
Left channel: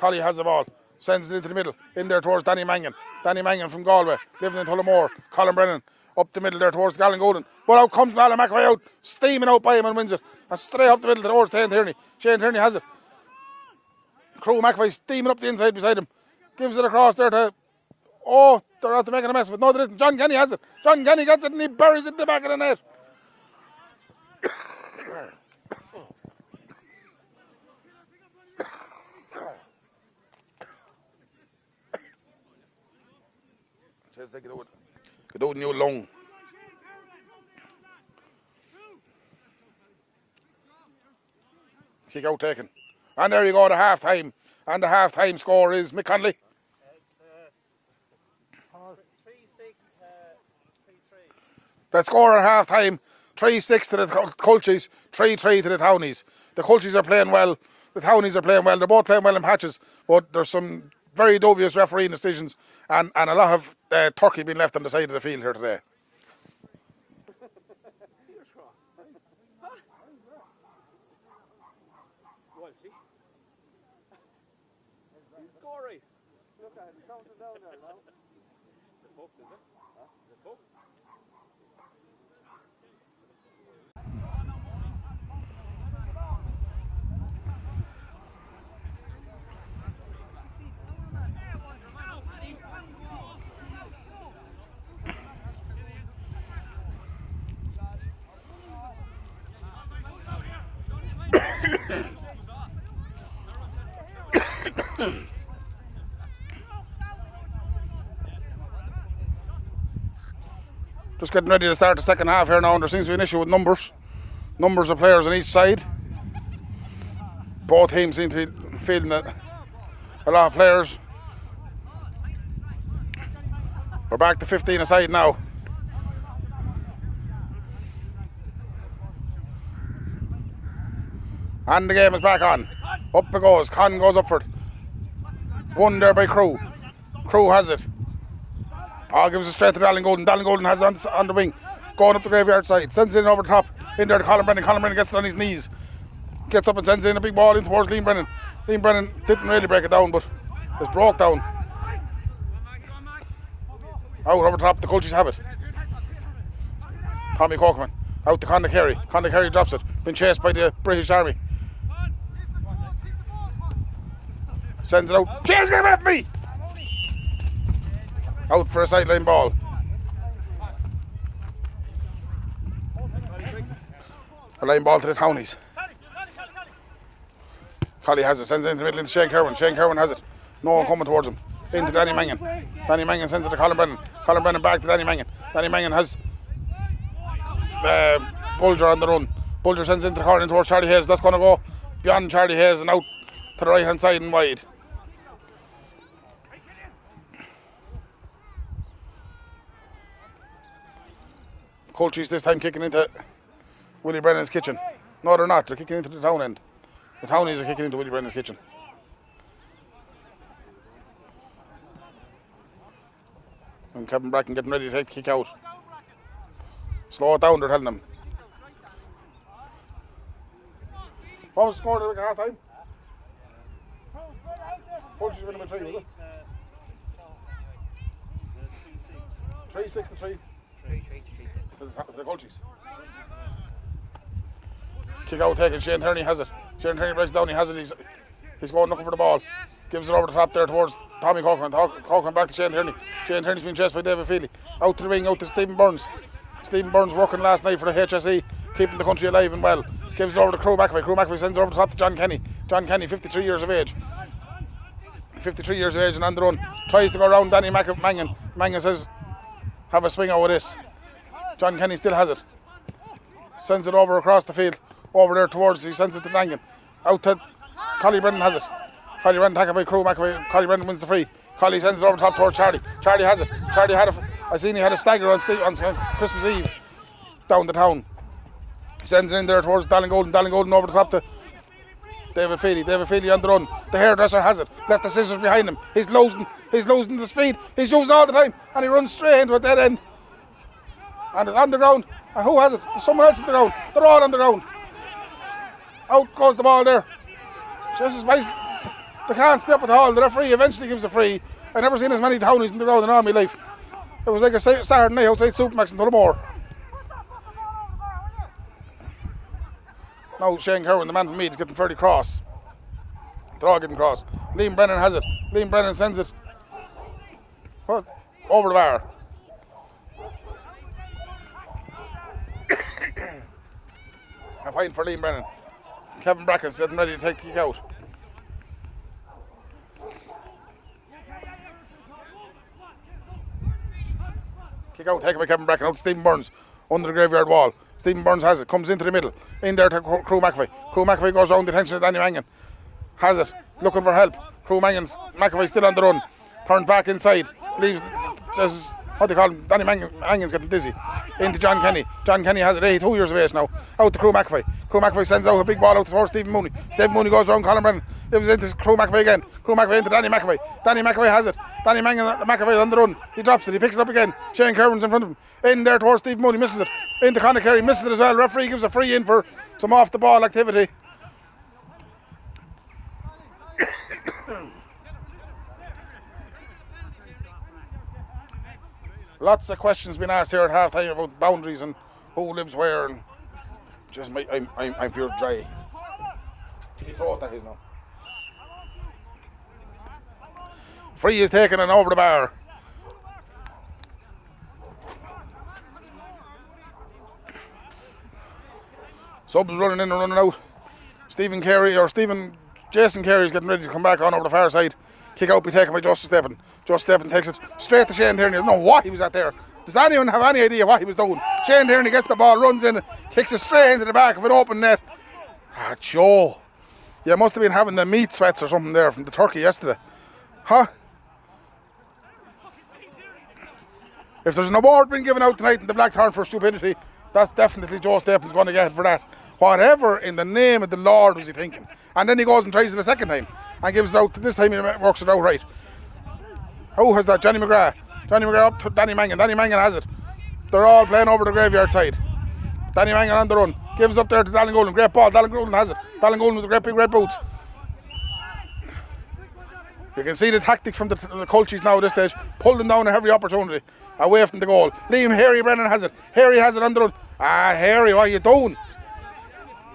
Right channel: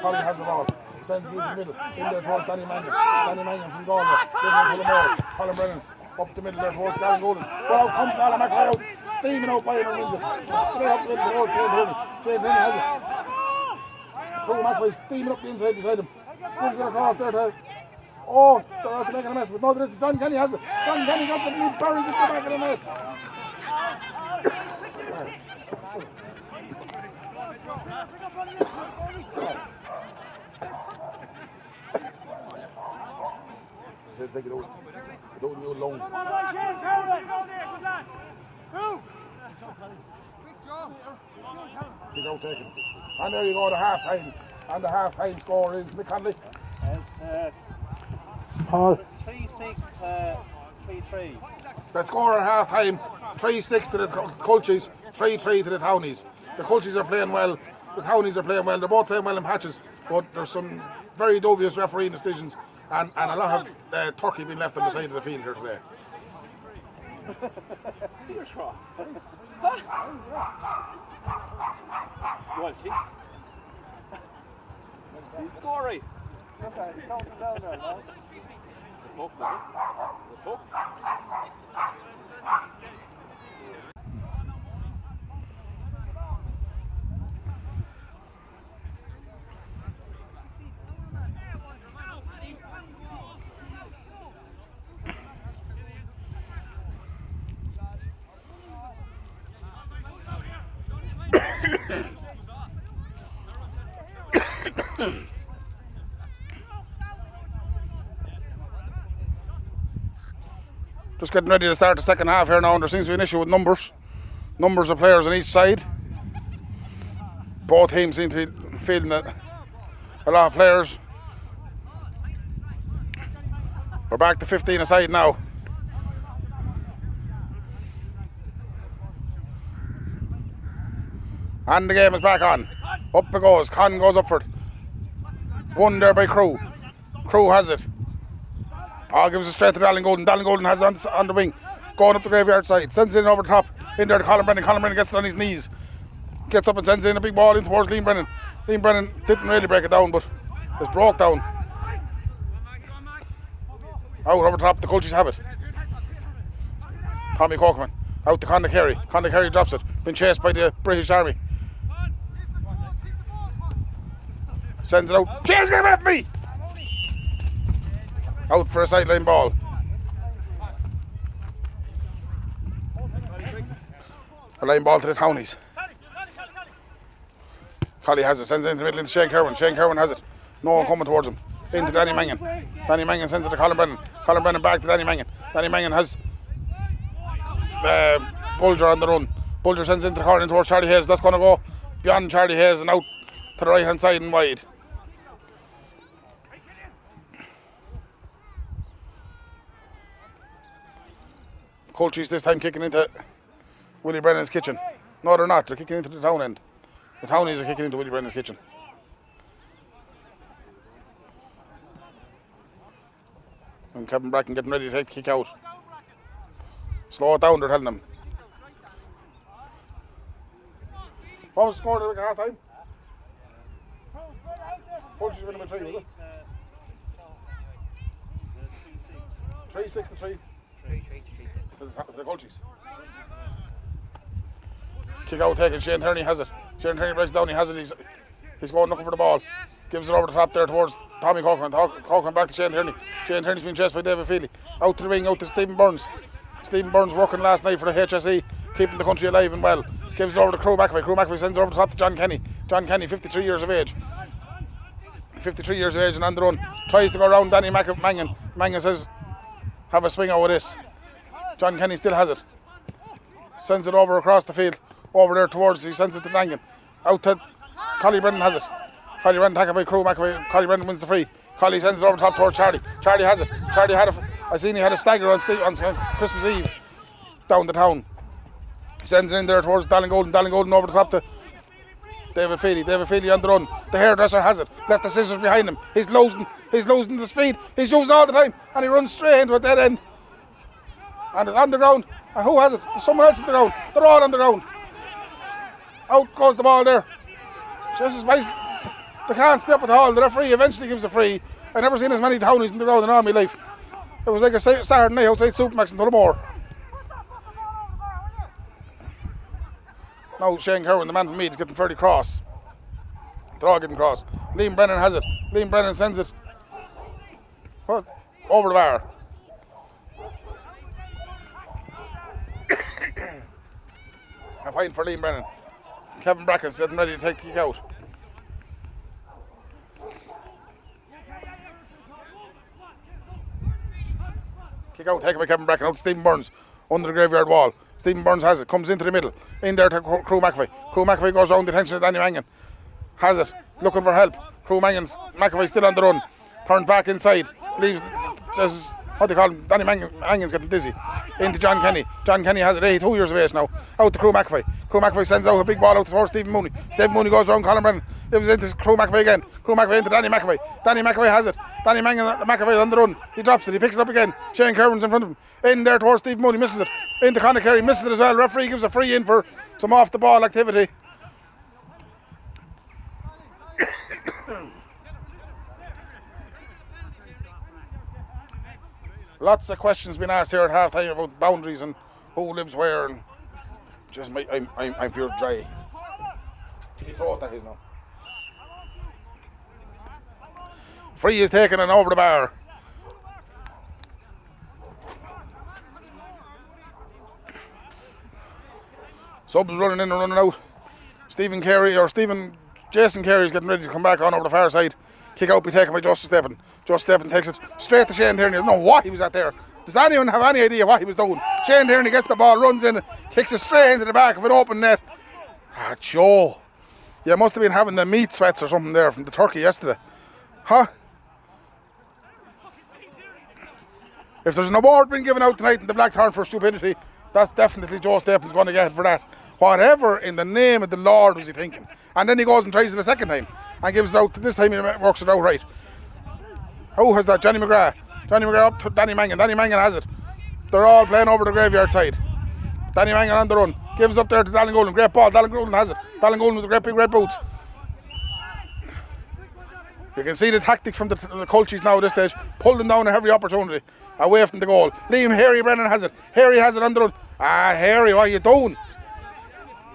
Collie has the ball, sends it into the middle, in there towards Danny Mangan. Danny Mangan from Galway, living in Tullamore. Colin Brennan up the middle there towards Daingean Golden. But out comes Alan McAvoy out, steaming out by him and wins it. And straight up the middle towards Shane Tierney. Shane Tierney has it. Crew McAvoy steaming up the inside beside him. Gives it across there to... Oh, they're out to making a mess of it. No, they didn't. John Kenny has it. John Kenny gets it and he buries it in the back of the net. Get out in your lung. Kick out taken. And there you go, the half time. And the half time score is Mick Conley. Paul. 3-6 to 3-3. That score at half time, 3-6 to the Culchies, 3-3 to the Townies. The Culchies are playing well, the Townies are playing well, they're both playing well in patches, but there's some very dubious refereeing decisions and a lot of turkey being left on the side of the field here today. Fingers crossed. Go on, see? Go all right. Look, is it? Look. Just getting ready to start the second half here now, and there seems to be an issue with numbers of players on each side. Both teams seem to be feeling that a lot of players. We're back to 15 aside now. And the game is back on. Up it goes. Con goes up for it. One there by Crew. Crew has it. Oh, gives it straight to Daingean Golden. Daingean Golden has it on the wing. Going up the graveyard side. Sends it in over the top. In there to Colin Brennan. Colin Brennan gets it on his knees. Gets up and sends in a big ball in towards Liam Brennan. Liam Brennan didn't really break it down, but it's broke down. Out over the top. The Culchies have it. Tommy Cockman. Out to Conor Carey. Conor Carey drops it. Been chased by the British Army. Sends it out. James, get at me! Out for a sideline ball. The line ball to the Townies. Collie has it, sends it into the middle into Shane Kerwin. Shane Kerwin has it. No one coming towards him. Into Danny Mangan. Danny Mangan sends it to Colin Brennan. Colin Brennan back to Danny Mangan. Danny Mangan has Bulger on the run. Bulger sends into the corner towards Charlie Hayes. That's going to go beyond Charlie Hayes and out to the right hand side and wide. Colchis this time kicking into Willie Brennan's kitchen. No, they're not. They're kicking into the town end. The Townies are kicking into Willie Brennan's kitchen. And Kevin Bracken getting ready to take the kick out. Slow it down, they're telling them. What was the score at half time? Colchis winning by 3, was it? 3-6 to 3. 3-6. The Colchis. Kick out taken, Shane Tierney has it. Shane Tierney breaks down, he has it, he's going looking for the ball. Gives it over the top there towards Tommy Corcoran. Corcoran back to Shane Tierney. Shane Tierney's been chased by David Feely. Out to the wing, out to Stephen Burns. Stephen Burns working last night for the HSE, keeping the country alive and well. Gives it over to Crew McAvoy. Crew McAvoy sends it over the top to John Kenny. John Kenny, 53 years of age. 53 years of age and on the run. Tries to go around Danny Mangan. Mangan says, have a swing out with this. John Kenny still has it. Sends it over across the field. Over there towards, he sends it to Daingean. Out to Collie Brennan has it. Collie Brennan tackled by Crew McAvoy. Collie Brennan wins the free. Collie sends it over the top towards Charlie. Charlie has it. Charlie had I seen he had a stagger on Christmas Eve down the town. Sends it in there towards Daingean. Daingean over the top to David Feely. David Feely on the run. The hairdresser has it. Left the scissors behind him. He's losing the speed. He's using all the time. And he runs straight into a dead end. And it's on the ground. And who has it? There's someone else on the ground. They're all on the ground. Out goes the ball there. Jesus, they can't step at all. The referee eventually gives a free. I've never seen as many Townies in the ground in all my life. It was like a Saturday night outside Supermax in Tullamore. Now Shane Kerwin, the man from Meath, is getting fairly cross. They're all getting cross. Liam Brennan has it. Liam Brennan sends it over the bar. A point for Liam Brennan. Kevin Bracken's getting ready to take the kick out. Kick out taken by Kevin Bracken out to Stephen Burns under the graveyard wall. Stephen Burns has it, comes into the middle. In there to Crew McAvoy. Crew McAvoy goes around the attention of Danny Mangan. Has it, looking for help. McAvoy still on the run. Turns back inside. Leaves, just, what do you call him? Danny Mangan's getting dizzy. Into John Kenny. John Kenny has it, 82 years of age now. Out to Crew McAvoy. Crew McAvoy sends out a big ball out towards Stephen Mooney. Stephen Mooney goes around Colin Brennan. Gives it into Crew McAvoy again. Crew McAvoy into Danny McAvoy. Danny McAvoy has it. Danny McAvoy on the run. He drops it. He picks it up again. Shane Kerwin's in front of him. In there towards Stephen Mooney. Misses it. Into Conor Carey. Misses it as well. Referee gives a free in for some off the ball activity. Lots of questions been asked here at half time about boundaries and who lives where, and just I'm feeling dry. Can you throw it that is now? Free is taken and over the bar. Subs running in and running out. Jason Carey is getting ready to come back on over the far side. Kick out be taken by Justin Steppen. Justin Steppen takes it straight to Shane Tierney. I don't know what he was at there. Does anyone have any idea what he was doing? Shane Tierney gets the ball, runs in, kicks it straight into the back of an open net. Joe. You must have been having the meat sweats or something there from the turkey yesterday. Huh? If there's an award being given out tonight in the Blackthorn for stupidity, that's definitely Joe Stapleton's going to get it for that. Whatever in the name of the Lord was he thinking? And then he goes and tries it a second time and gives it out. This time he works it out right. Who has that? Johnny McGrath. Johnny McGrath up to Danny Mangan. Danny Mangan has it. They're all playing over the graveyard side. Danny Mangan on the run. Gives up there to Daingean. Great ball. Daingean has it. Daingean with the great big red boots. You can see the tactic from the Colchis now at this stage. Pull them down at every opportunity. Away from the goal. Liam Harry Brennan has it. Harry has it on the run. Harry, what are you doing?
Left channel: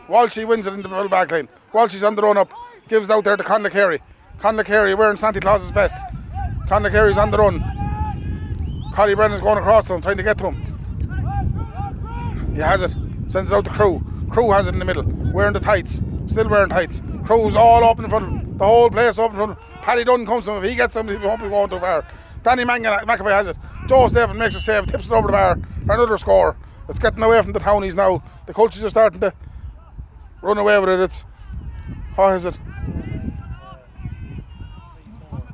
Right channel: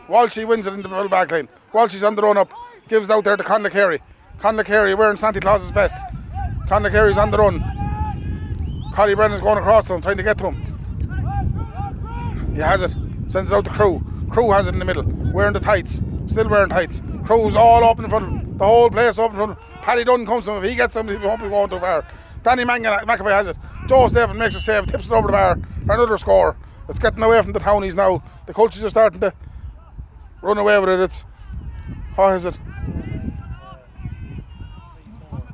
Walshy wins it in the middle back line. Walshy's on the run up. Gives out there to Conor Carey. Conor Carey wearing Santa Claus's vest. Conor Carey's on the run. Collie Brennan's going across to him, trying to get to him. He has it. Sends it out to Crew. Crew has it in the middle, wearing the tights, still wearing tights. Crew's all up in front of him, the whole place up in front of him. Paddy Dunn comes to him, if he gets him, he won't be going too far. Danny McAvoy has it. Joe Stephen makes a save, tips it over the bar for another score. It's getting away from the townies now. The coaches are starting to run away with it. It's, what is it?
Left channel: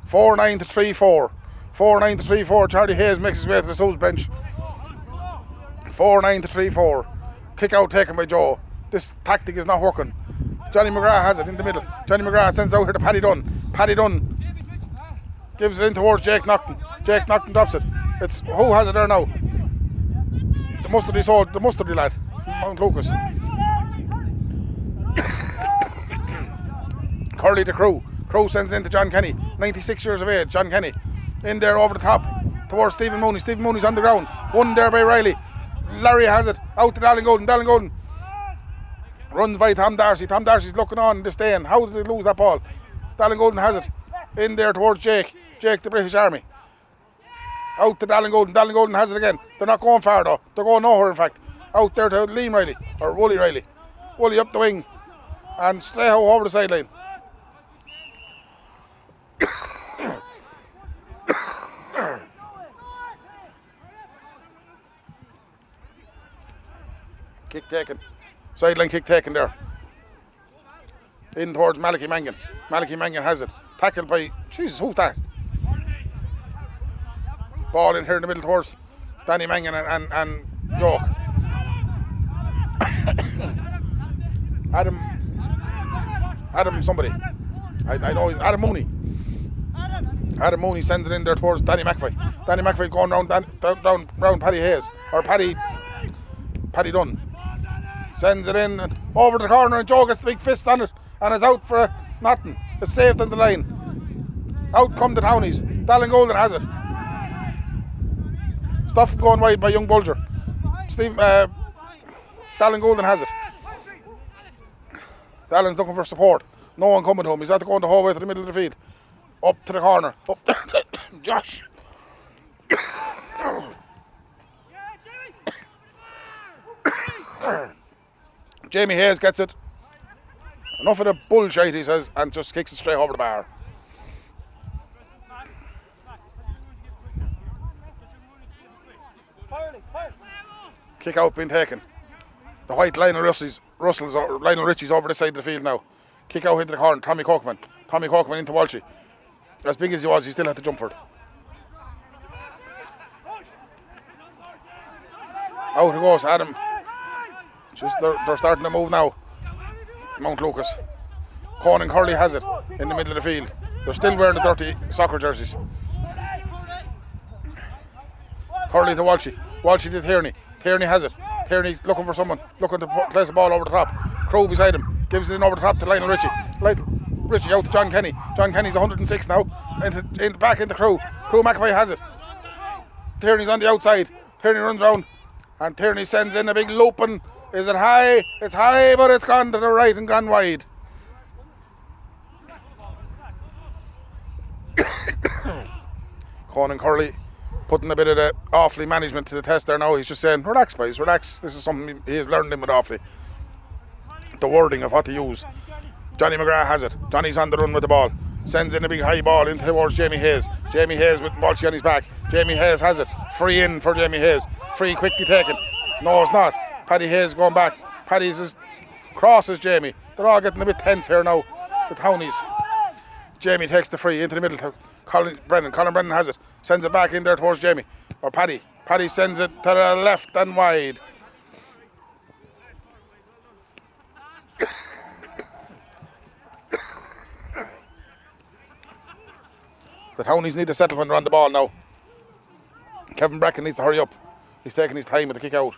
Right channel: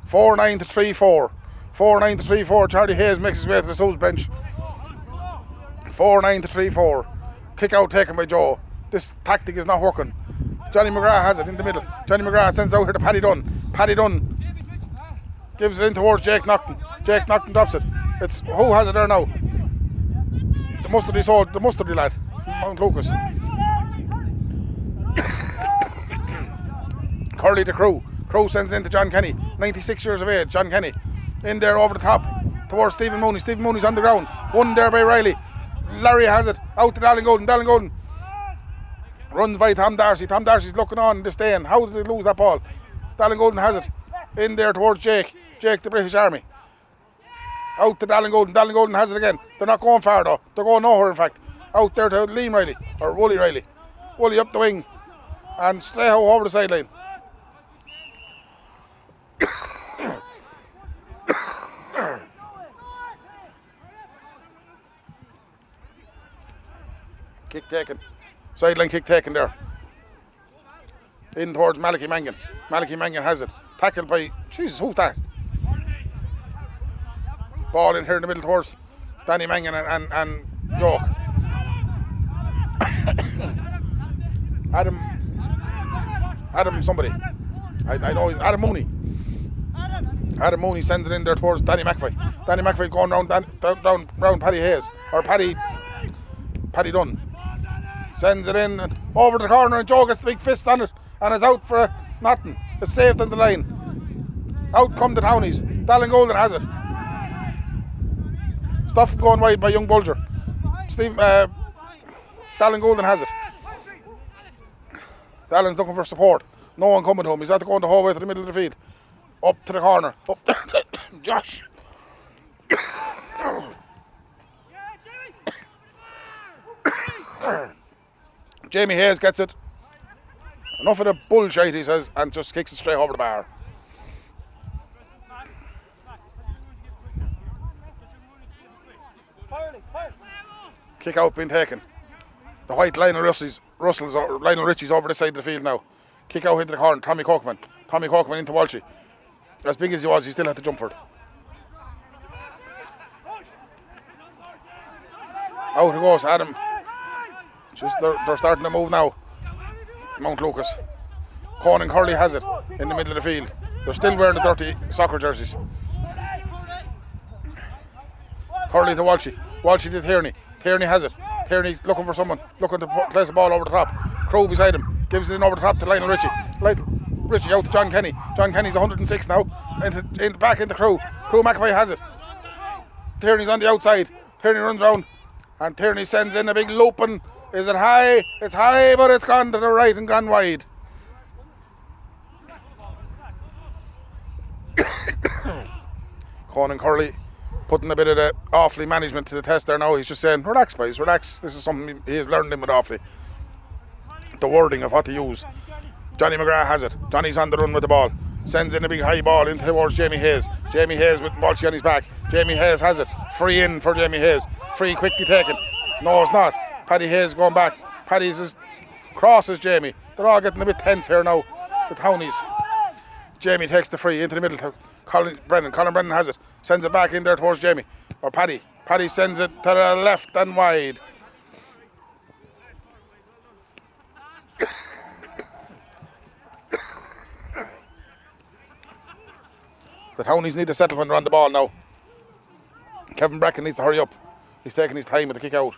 4-9 to 3-4. 4-9 to 3-4. Charlie Hayes makes his way to the South bench. 4-9 to 3-4. Kick out taken by Joe. This tactic is not working. Johnny McGrath has it in the middle. Johnny McGrath sends it out here to Paddy Dunn. Paddy Dunn gives it in towards Jake Naughton. Jake Naughton drops it. It's who has it there now? The mustardy lad from Mount Lucas. Curly to Crew. Crew sends in to John Kenny. 96 years of age. John Kenny in there over the top towards Stephen Mooney. Stephen Mooney's on the ground. Won there by Riley. Larry has it out to Dallin Golden. Dallin Golden runs by Tom Darcy. Tom Darcy's looking on, disdain. How did they lose that ball? Dallin Golden has it in there towards Jake. Jake, the British Army. Out to Dallin Golden. Dallin Golden has it again. They're not going far though. They're going nowhere in fact. Out there to Liam Riley or Wooly Riley. Wooly up the wing and Streho over the sideline. Kick taken. Sideline kick taken there. In towards Malachy Mangan. Malachy Mangan has it. Tackled by, Jesus, who's that? Ball in here in the middle towards Danny Mangan and York. Adam somebody. I know he's Adam Mooney. Adam Mooney sends it in there towards Danny McAvoy. Danny McAvoy going round Paddy Hayes. Or Paddy Dunn. Sends it in and over the corner and Joe gets the big fist on it and is out for nothing. It's saved on the line. Out come the townies. Dallin Golden has it. Stuff going wide by young Bulger. Dallin Golden has it. Dallin's looking for support. No one coming to him. He's had to go in the hallway to the middle of the field. Up to the corner. Up Josh. Jamie Hayes gets it. Enough of the bullshit, he says, and just kicks it straight over the bar. Kick out being taken. The white Lionel Ritchie's over the side of the field now. Kick out into the corner. Tommy Corkman. Tommy Corkman into Walshy. As big as he was, he still had to jump for it. Out it goes, Adam. Just they're starting to move now. Mount Lucas. Conan Curley has it in the middle of the field. They're still wearing the dirty soccer jerseys. Curley to Walshy. Walshy to Tierney. Tierney has it. Tierney's looking for someone, looking to place the ball over the top. Crow beside him, gives it in over the top to Lionel Ritchie. Ritchie out to John Kenny. John Kenny's 106 now. Back into Crew. Crew McAvoy has it. Tierney's on the outside. Tierney runs round. And Tierney sends in a big loop and is it high? It's high, but it's gone to the right and gone wide. Conan Curley putting a bit of the Offaly management to the test there now. He's just saying, relax boys, relax. This is something he has learned in with Offaly. The wording of what to use. Johnny McGrath has it. Johnny's on the run with the ball. Sends in a big high ball in towards Jamie Hayes. Jamie Hayes with Walshy on his back. Jamie Hayes has it. Free in for Jamie Hayes. Free quickly taken. No, it's not. Paddy Hayes going back. Paddy's as cross as Jamie. They're all getting a bit tense here now. The townies. Jamie takes the free into the middle to Colin Brennan. Colin Brennan has it. Sends it back in there towards Jamie. Or Paddy. Paddy sends it to the left and wide. The townies need to settle when they're on the ball now. Kevin Bracken needs to hurry up. He's taking his time with the kick out.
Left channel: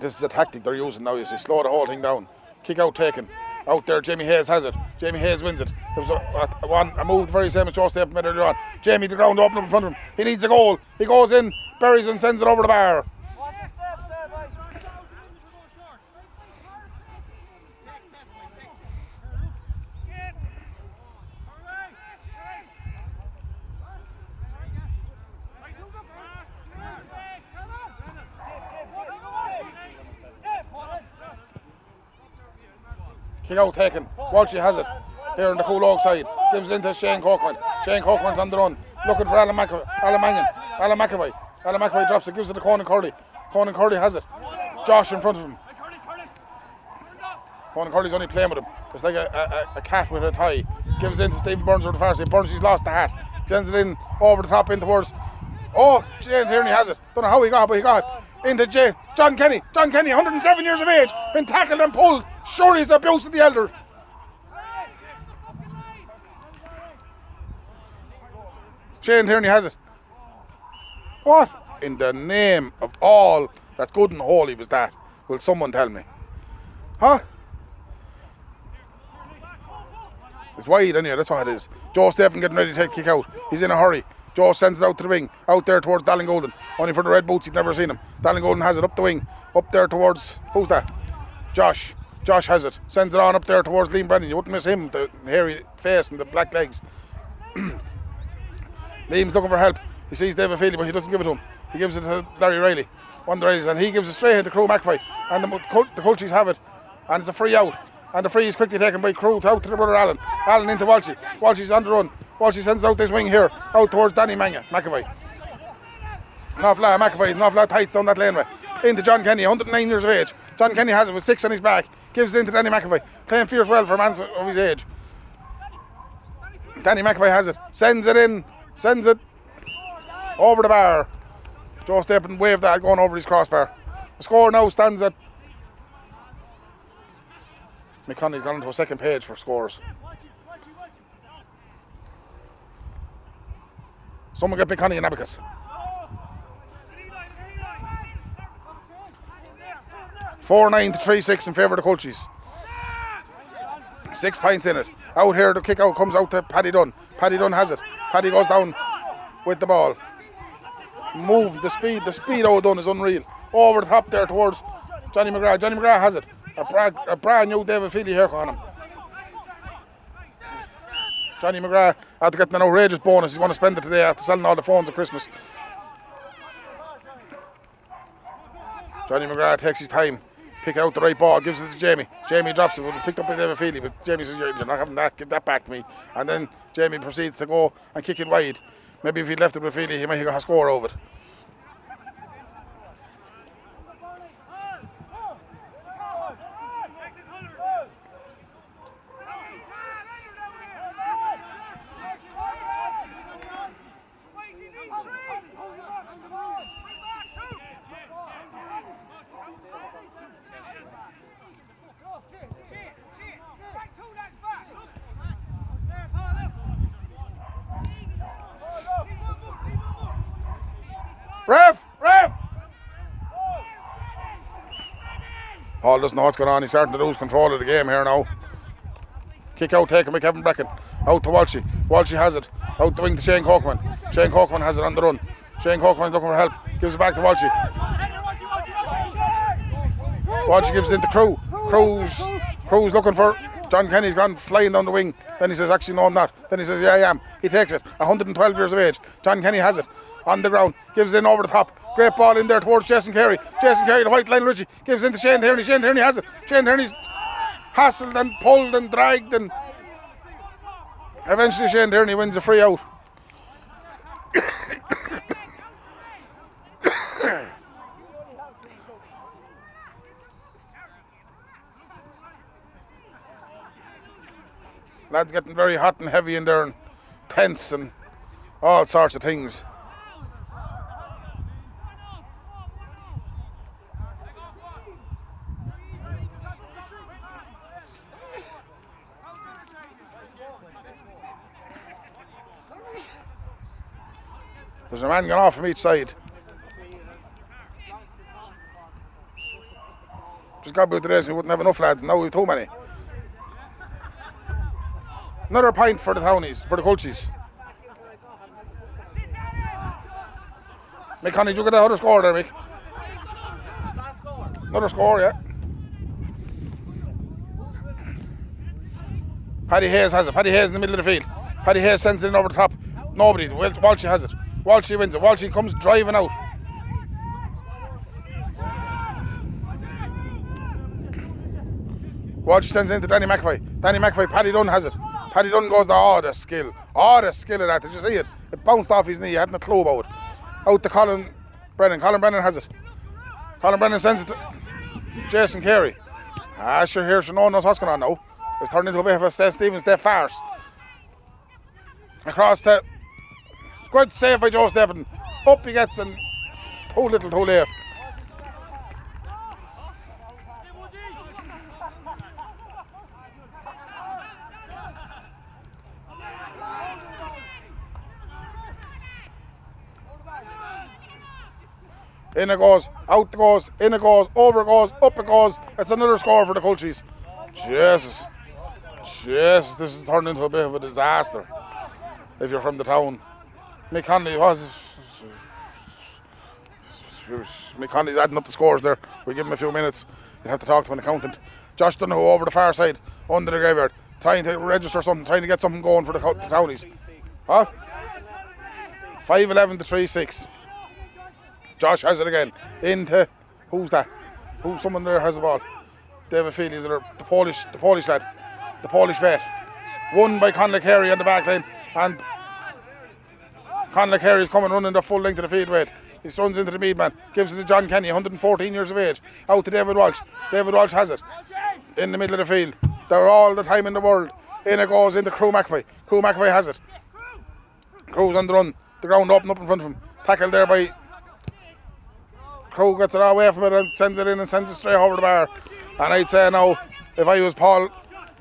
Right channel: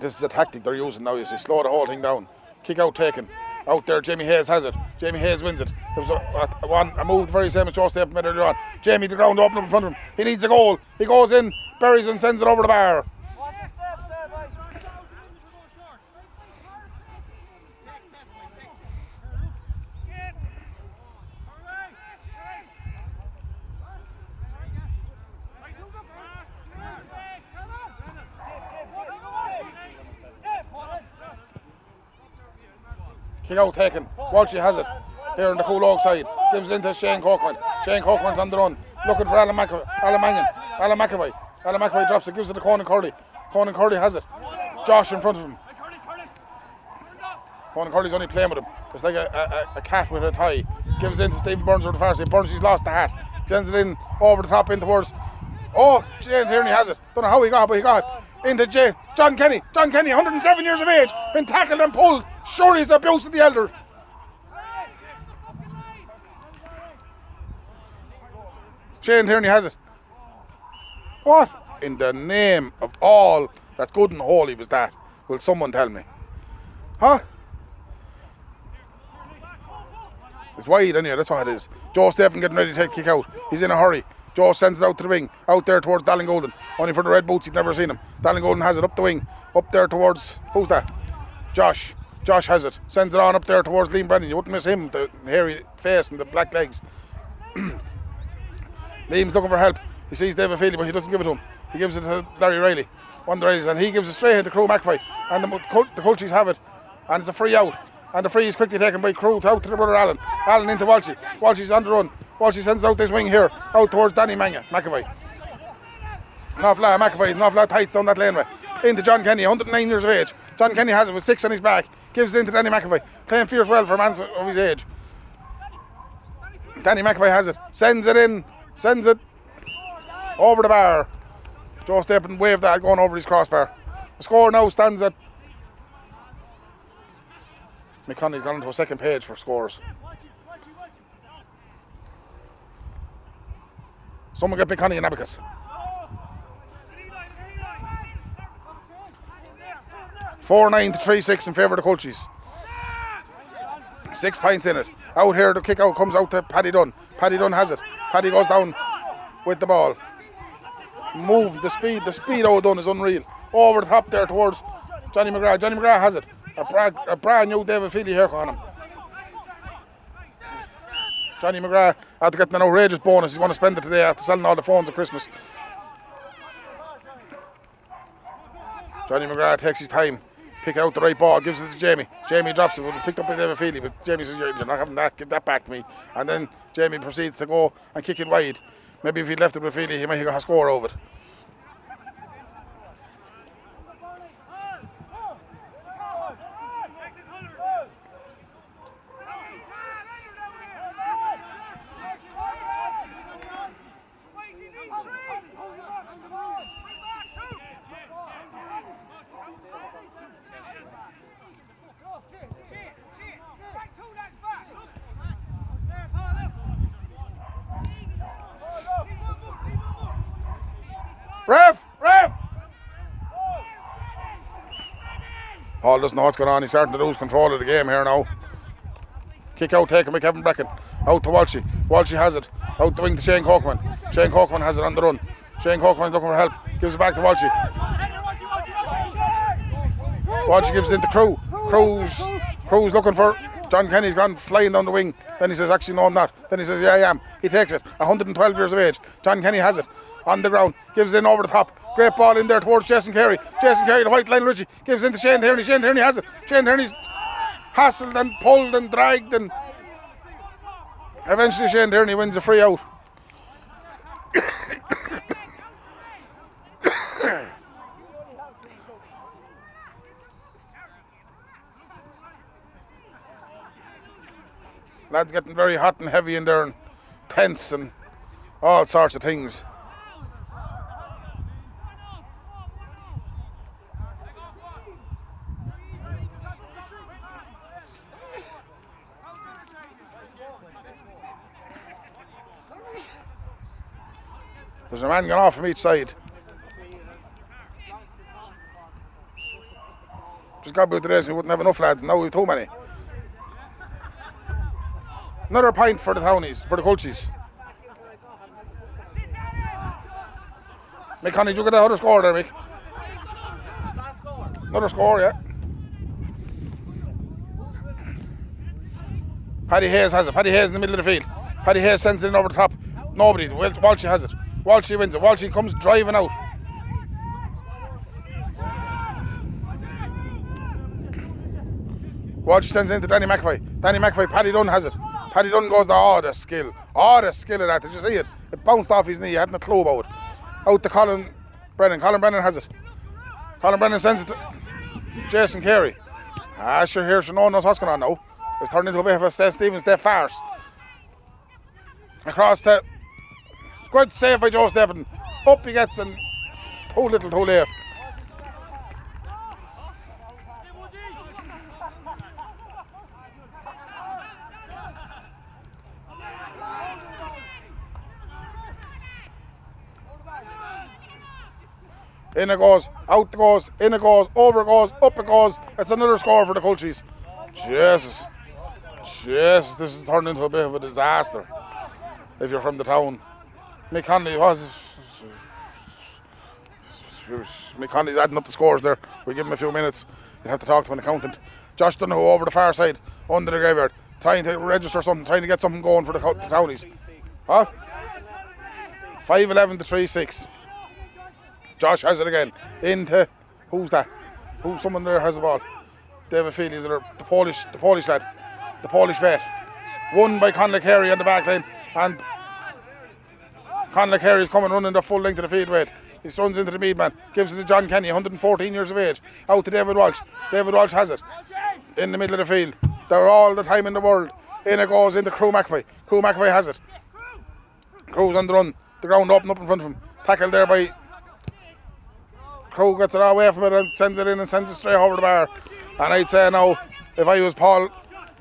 This is a tactic they're using now. You see, slow the whole thing down. Kick out taken. Out there, Jamie Hayes has it. Jamie Hayes wins it. There was a move the very same as Joe Stapleton made earlier on. Jamie, the ground open up in front of him. He needs a goal. He goes in, buries and sends it over the bar. Kick out taken. Walshy has it. Here on the cool oak side. Gives it into Shane Cockman. Shane Cockman's on the run. Looking for Alan Mangan. Alan McAvoy. Alan McAvoy drops it. Gives it to Conan Curley. Conan Curley has it. Josh in front of him. Conan Curley's only playing with him. It's like a cat with a tie. Gives it into Stephen Burns over the far side. Burns, he's lost the hat. Sends it in over the top in towards. Oh, Jane Tierney has it. Don't know how he got it, but he got it. Into Jane. John Kenny. John Kenny, 107 years of age. Been tackled and pulled. Surely it's abuse of the elders. Shane Tierney has it. What in the name of all that's good and holy was that? Will someone tell me? Huh? It's wide anyway, that's what it is. Joe Stephen getting ready to take a kick out. He's in a hurry. Joe sends it out to the wing. Out there towards Dallin Golden. Only for the red boots, he'd never seen him. Dallin Golden has it up the wing. Up there towards, who's that? Josh. Josh has it. Sends it on up there towards Liam Brennan. You wouldn't miss him, the hairy face and the black legs. Liam's looking for help. He sees David Feely, but he doesn't give it to him. He gives it to Larry Riley. One of the Rileys, and he gives it straight into Crew McAvoy. And the Culchies have it. And it's a free out. And the free is quickly taken by Crew out to the brother Allen. Allen into Walshy. Walshy's on the run. Walshy sends out this wing here, out towards Danny McAvoy. An awful lot of McAvoy, an awful lot of tights down that laneway. Into John Kenny, 109 years of age. John Kenny has it with 6 on his back. Gives it into Danny McAvoy. Playing fierce well for a man of his age. Danny McAvoy has it. Sends it in. Sends it over the bar. Joe Stephen waved that going over his crossbar. The score now stands at... McConnell's gone into a second page for scores. Someone get McConnell and Abacus. 4-9 to 3-6 in favour of the Culchies. 6 points in it. Out here, the kick out comes out to Paddy Dunn. Paddy Dunn has it. Paddy goes down with the ball. Move, the speed O'Dunn is unreal. Over the top there towards Johnny McGrath. Johnny McGrath has it. A brand new David Feely haircut on him. Johnny McGrath had to get an outrageous bonus. He's going to spend it today after selling all the phones at Christmas. Johnny McGrath takes his time, picking out the right ball, gives it to Jamie. Jamie drops it, but it's picked up by David Feely. But Jamie says, "You're not having that. Give that back to me." And then Jamie proceeds to go and kick it wide. Maybe if he'd left it with Feely, he might have got a score over it. Ref! Paul doesn't know what's going on. He's starting to lose control of the game here now. Kick out taken by Kevin Brecken. Out to Walshy. Walshy has it. Out the wing to Shane Cockman. Shane Cockman has it on the run. Shane Cockman's looking for help. Gives it back to Walshy. Walshy gives it into Crew. Crew's looking for... John Kenny's gone flying down the wing. Then he says, actually, no, I'm not. Then he says, yeah, I am. He takes it. 112 years of age. John Kenny has it. On the ground. Gives it in over the top. Great ball in there towards Jason Carey. Jason Carey, the white line Richie. Gives it into Shane Tierney. Shane Tierney has it. Shane Tierney's hassled and pulled and dragged, and eventually Shane Tierney wins a free out. Lads getting very hot and heavy in there and tense and all sorts of things. There's a man going off from each side. Just got about the race, we wouldn't have enough lads, now we've too many. Another point for the Townies, for the Culchies. Mick Honey, did you get that other score there, Mick? Another score, yeah. Paddy Hayes has it. Paddy Hayes in the middle of the field. Paddy Hayes sends it in over the top. Nobody. Walshy has it. Walshy wins it. Walshy comes driving out. Walsh sends into Danny McAvoy. Danny McAvoy, Paddy Dunn has it. Paddy Dunn goes there. The skill. The skill of that. Did you see it? It bounced off his knee. He hadn't a clue about it. Out to Colin Brennan. Colin Brennan has it. Colin Brennan sends it to Jason Carey. Sure, here, no one knows what's going on now. It's turned into a bit of a Seth Stevens Day farce. Across to... Good save by Joe Stephen. Up he gets and too little, too late. In it goes, out it goes, in it goes, over it goes, up it goes. It's another score for the Culchies. Jesus, this has turned into a bit of a disaster. If you're from the town, Mick Conley's adding up the scores there. We give him a few minutes. You'll have to talk to an accountant. Josh Donoghue over the far side, under the graveyard, trying to register something, trying to get something going for the townies. Huh? 5-11 to 3-6. Josh has it again. Into who's that? Someone there has the ball. David Feely is the Polish lad, the Polish vet. Won by Conley Carey on the back line, and Conley Carey is coming running the full length of the field weight. He runs into the mead man, gives it to John Kenny, 114 years of age. Out to David Walsh. David Walsh has it in the middle of the field. They're all the time in the world. In it goes into Crew McAvoy. Crew McAvoy has it. Crew's on the run. The ground open up in front of him. Tackled there by Crew, gets it away from it and sends it in and sends it straight over the bar. And I'd say now, if I was Paul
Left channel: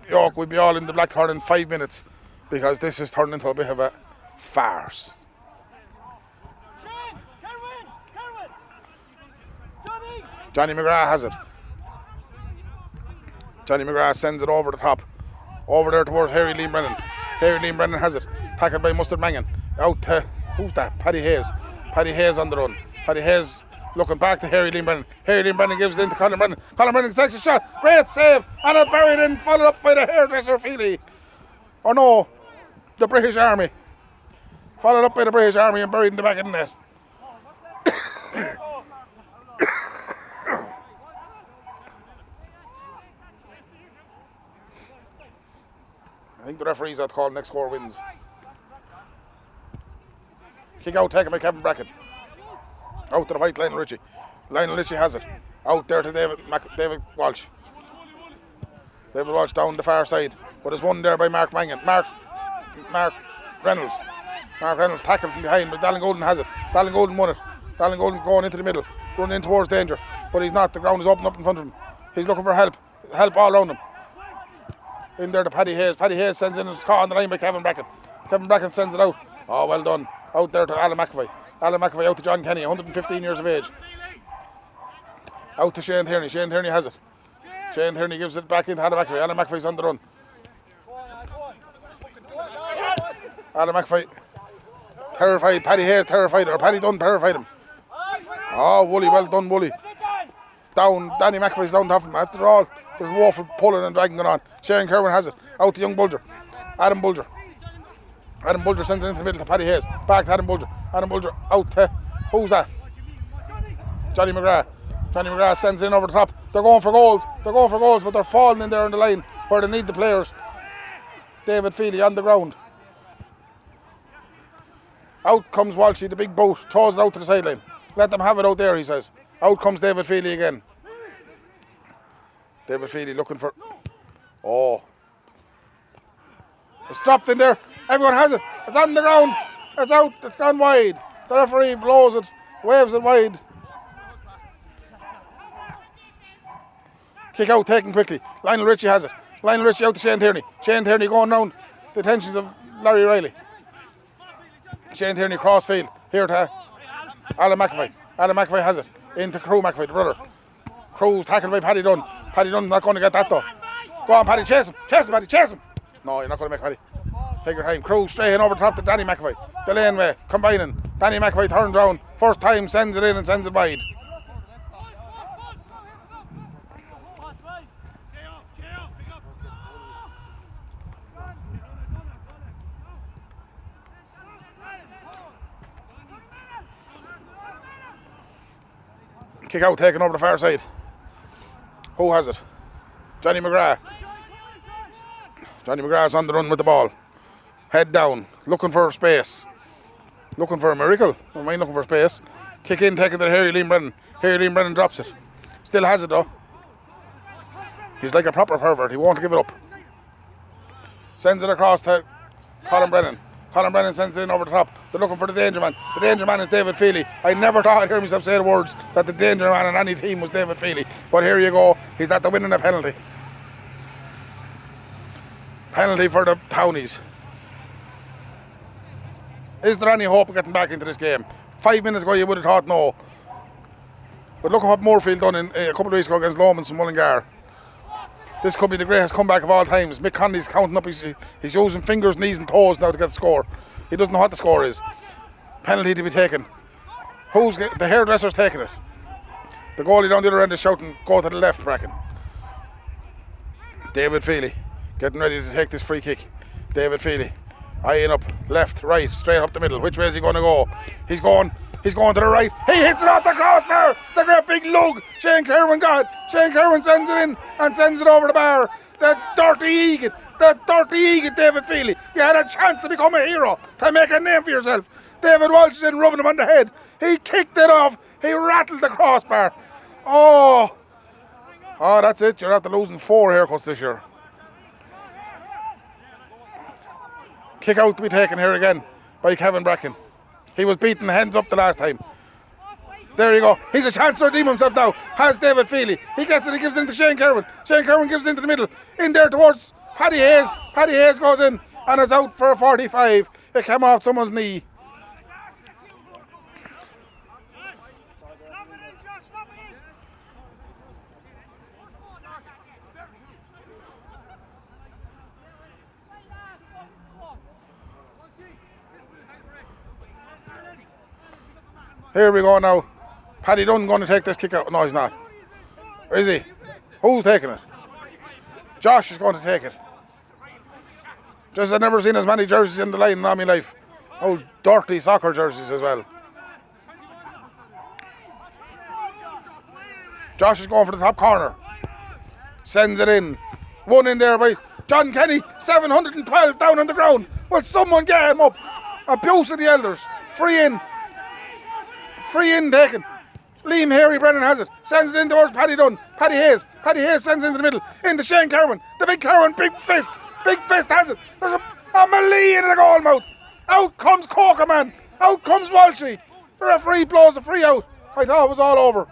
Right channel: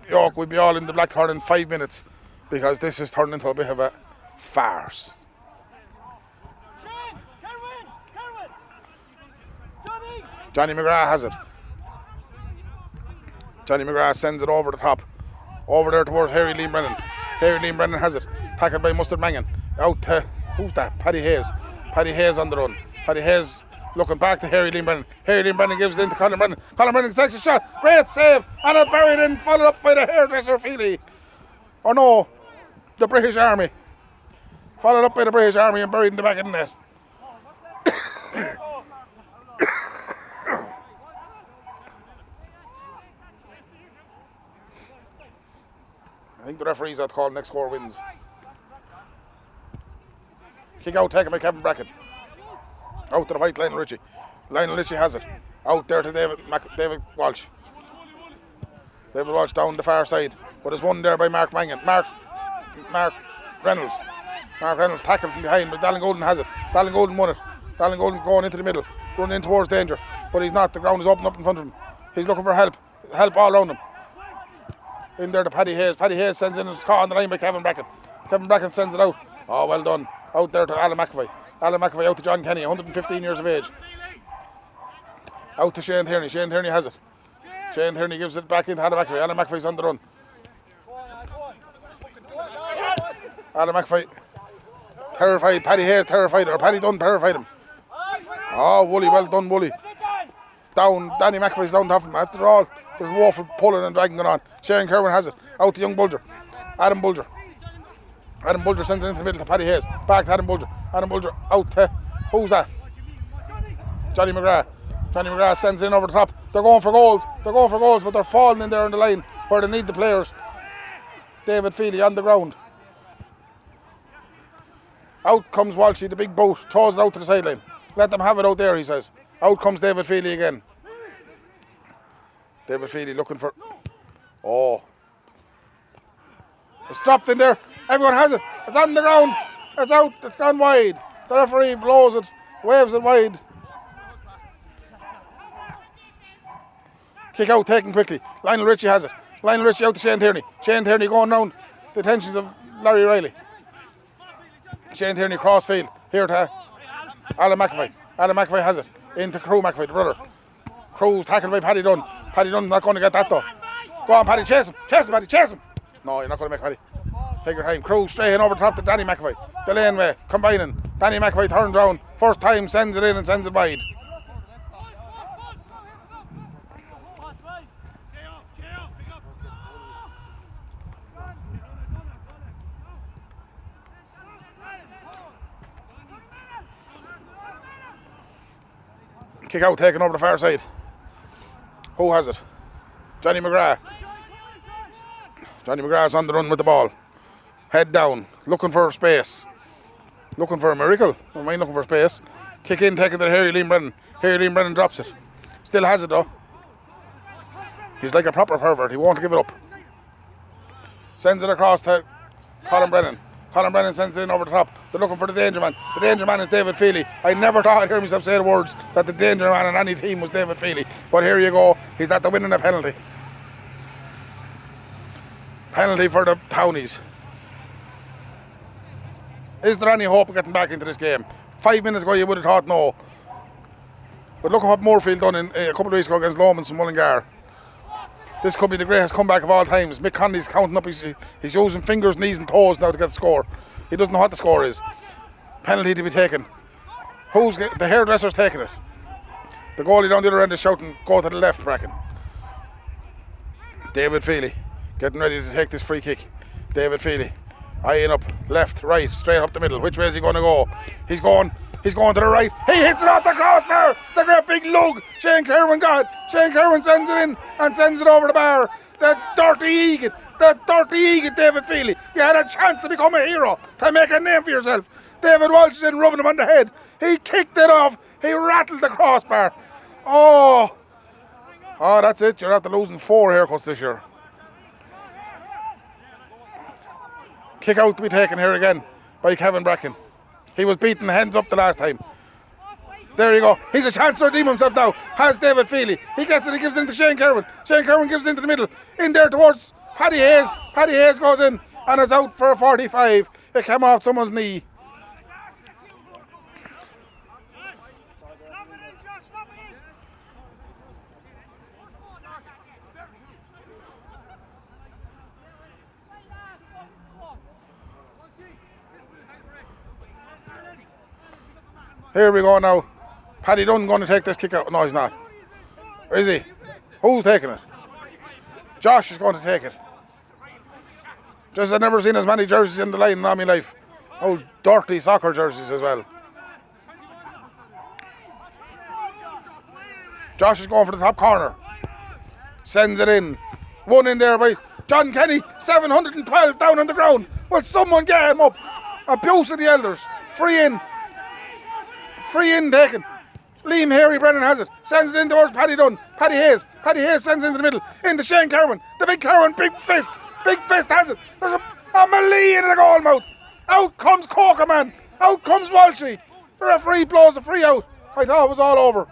York, we'd be all in the Blackthorn in 5 minutes, because this has turned into a bit of a farce. Johnny McGrath has it. Johnny McGrath sends it over the top. Over there towards Harry Liam Brennan. Harry Liam Brennan has it. Tackled by Mustard Mangan. Out to, who's that? Paddy Hayes. Paddy Hayes on the run. Paddy Hayes looking back to Harry Liam Brennan. Harry Liam Brennan gives it into Colin Brennan. Colin Brennan takes a shot. Great save. And it buried in, followed up by the hairdresser Feely. Or no, the British Army. Followed up by the British Army and buried in the back of the net. I think the referees have to call next score wins. Kick out taken by Kevin Bracken. Out to the right, Lionel Ritchie. Lionel Ritchie has it. Out there to David Walsh. David Walsh down the far side. But it's won there by Mark Mangan. Mark Reynolds. Mark Reynolds tackled from behind, but Dallin Golden has it. Dallin Golden won it. Dallin Golden going into the middle. Running in towards danger. But he's not. The ground is open up in front of him. He's looking for help. Help all around him. In there to Paddy Hayes. Paddy Hayes sends in, it's caught on the line by Kevin Bracken. Kevin Bracken sends it out. Oh, well done. Out there to Alan McAvoy. Alan McAvoy out to John Kenny, 115 years of age. Out to Shane Tierney. Shane Tierney has it. Shane Tierney gives it back into Alan McAvoy. Alan McAvoy's on the run. Alan McAvoy terrified. Paddy Hayes terrified, or Paddy Dunn terrified him. Oh, Wooly, well done, Wooly. Down, Danny McAvoy's down top of him. After all, there's woeful pulling and dragging going on. Shane Kerwin has it. Out to young Bulger. Adam Bulger. Adam Bulger sends it into the middle to Paddy Hayes. Back to Adam Bulger. Adam Bulger out to, who's that? Johnny McGrath. Johnny McGrath sends it in over the top. They're going for goals. But they're falling in there on the line where they need the players. David Feely on the ground. Out comes Walshy, the big boat. Throws it out to the sideline. Let them have it out there, he says. Out comes David Feely again. David Feely looking for... Oh. It's dropped in there. Everyone has it. It's on the ground. It's out. It's gone wide. The referee blows it. Waves it wide. Kick out taken quickly. Lionel Ritchie has it. Lionel Ritchie out to Shane Tierney. Shane Tierney going round the attentions of Larry Riley. Shane Tierney crossfield. Here to Alan McAvoy. Alan McAvoy has it. Into Crew McAvoy, the brother. Crew's tackled by Paddy Dunn. Paddy Dunn's not going to get that though. Go on, Paddy, chase him. Chase him, Paddy, chase him. No, you're not going to make Paddy. Take your time. Crew straight in over the top to Danny McAvoy. The laneway, combining. Danny McAvoy turns round. First time, sends it in and sends it wide. Kick out taken over the far side. Who has it? Johnny McGrath. Johnny McGrath's on the run with the ball. Head down, looking for space. Looking for a miracle. Don't mind looking for space. Kick in, taking to Harry Liam Brennan. Harry Liam Brennan drops it. Still has it though. He's like a proper pervert. He won't give it up. Sends it across to Colin Brennan. Colin Brennan sends it in over the top. They're looking for the danger man. The danger man is David Feely. I never thought I'd hear myself say the words that the danger man on any team was David Feely. But here you go. He's at the winning a penalty. Penalty for the Townies. Is there any hope of getting back into this game? 5 minutes ago you would have thought no. But look at what Moorfield done in a couple of weeks ago against Lomans and Mullingar. This could be the greatest comeback of all times. Mick Conley's counting up. He's using fingers, knees and toes now to get the score. He doesn't know what the score is. Penalty to be taken. The hairdresser's taking it. The goalie down the other end is shouting, go to the left, Bracken. David Feely getting ready to take this free kick. David Feely eyeing up, left, right, straight up the middle. Which way is he going to go? He's going to the right. He hits it off the crossbar. The great big lug. Shane Kerwin got it. Shane Kerwin sends it in and sends it over the bar. The dirty egot, David Feely. You had a chance to become a hero, to make a name for yourself. David Walsh is in rubbing him on the head. He kicked it off. He rattled the crossbar. Oh, that's it. You're after losing 4 haircuts this year. Kick out to be taken here again by Kevin Bracken. He was beaten hands up the last time. There you go. He's a chance to redeem himself now. Has David Feely. He gets it. He gives it into Shane Kerwin. Shane Kerwin gives it into the middle. In there towards Paddy Hayes. Paddy Hayes goes in and is out for a 45. It came off someone's knee. Here we go now. Paddy Dunn going to take this kick out. No, he's not. Or is he? Who's taking it? Josh is going to take it. Just I've never seen as many jerseys in the line in all my life. Old dirty soccer jerseys as well. Josh is going for the top corner. Sends it in. One in there by John Kenny. 712 down on the ground. Will someone get him up? Abuse of the elders. Free in taken. Liam Harry Brennan has it. Sends it in towards Paddy Dunn. Paddy Hayes sends it into the middle. Into Shane Kerwin. The big Kerwin, big fist. Big fist has it. There's a melee in the goal mouth. Out comes Coker, man. Out comes Walshy. The referee blows a free out. I thought it was all over.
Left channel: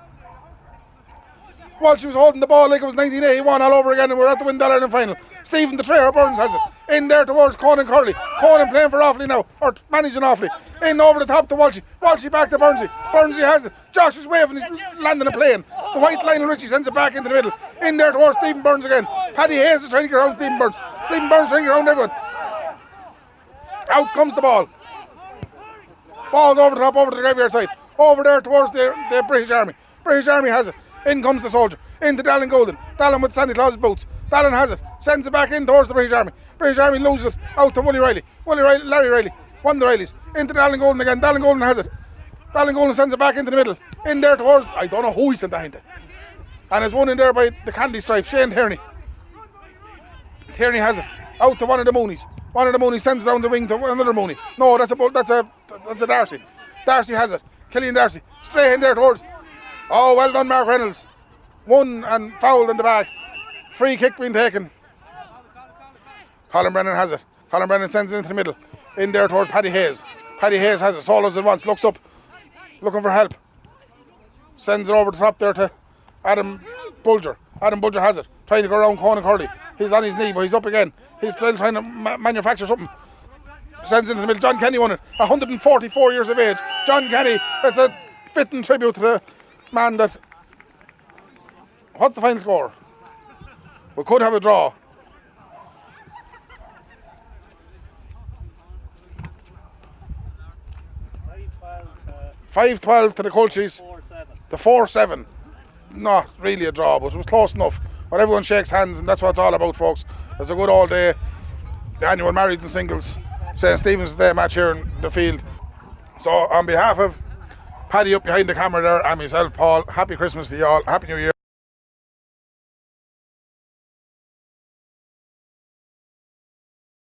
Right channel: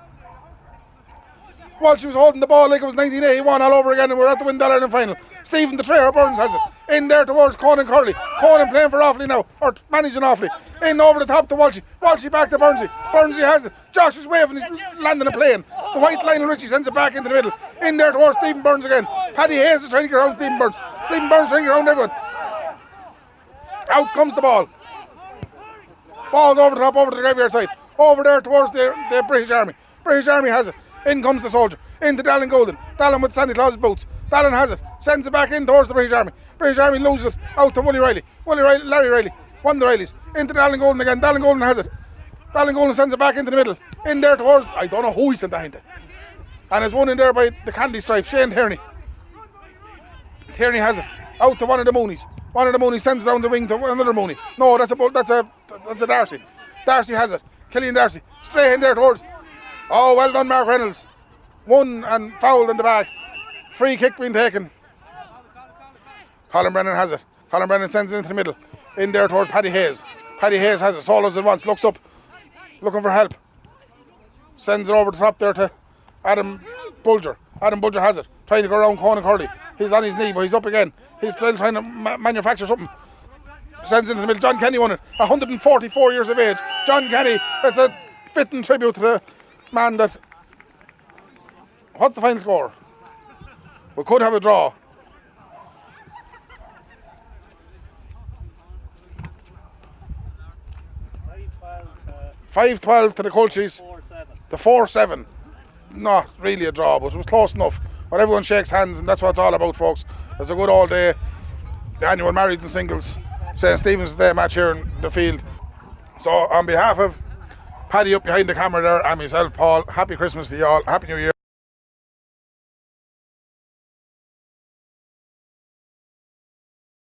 Walshy was holding the ball like it was 1981 all over again, and we're at the win that Ireland final. Stephen the Trayer Burns has it. In there towards Conan Curley. Conan playing for Offaly now, or managing Offaly. In over the top to Walshy. Walshy back to Burnsy. Burnsy has it. Josh is waving, he's landing a plane. The white Lionel Richie sends it back into the middle. In there towards Stephen Burns again. Paddy Hayes is trying to get around Stephen Burns. Stephen Burns trying to get around everyone. Out comes the ball. Ball's over the top, over to the graveyard side. Over there towards the British Army. British Army has it. In comes the soldier. Into Dallin Golden. Dallin with Sandy Claus boots. Dallin has it. Sends it back in towards the British Army. British Army loses it. Out to Willie Riley. Larry Riley. One of the Rileys. Into Dallin Golden again. Dallin Golden has it. Dallin Golden sends it back into the middle. In there towards, I don't know who he sent that into. And there's one in there by the candy stripe. Shane Tierney. Tierney has it. Out to one of the Moonies. One of the Moonies sends it down the wing to another Mooney. No, that's a Darcy. Darcy has it. Killian Darcy. Straight in there towards. Oh, well done, Mark Reynolds. One and fouled in the back. Free kick being taken. Colin Brennan has it. Colin Brennan sends it into the middle. In there towards Paddy Hayes. Paddy Hayes has it. Solos at once. Looks up. Looking for help. Sends it over the top there to Adam Bulger. Adam Bulger has it. Trying to go around Conan Curley. He's on his knee, but he's up again. He's still trying to manufacture something. Sends it into the middle. John Kenny won it. 144 years of age. John Kenny. That's a fitting tribute to the man that... What's the final score? We could have a draw. 5-12 to the Culchies. 4-7. The 4-7. Not really a draw, but it was close enough. But everyone shakes hands, and that's what it's all about, folks. It's a good all day. The annual marrieds and singles St. Stephen's Day match here in the field. So on behalf of Paddy up behind the camera there and myself, Paul, happy Christmas to you all. Happy New Year.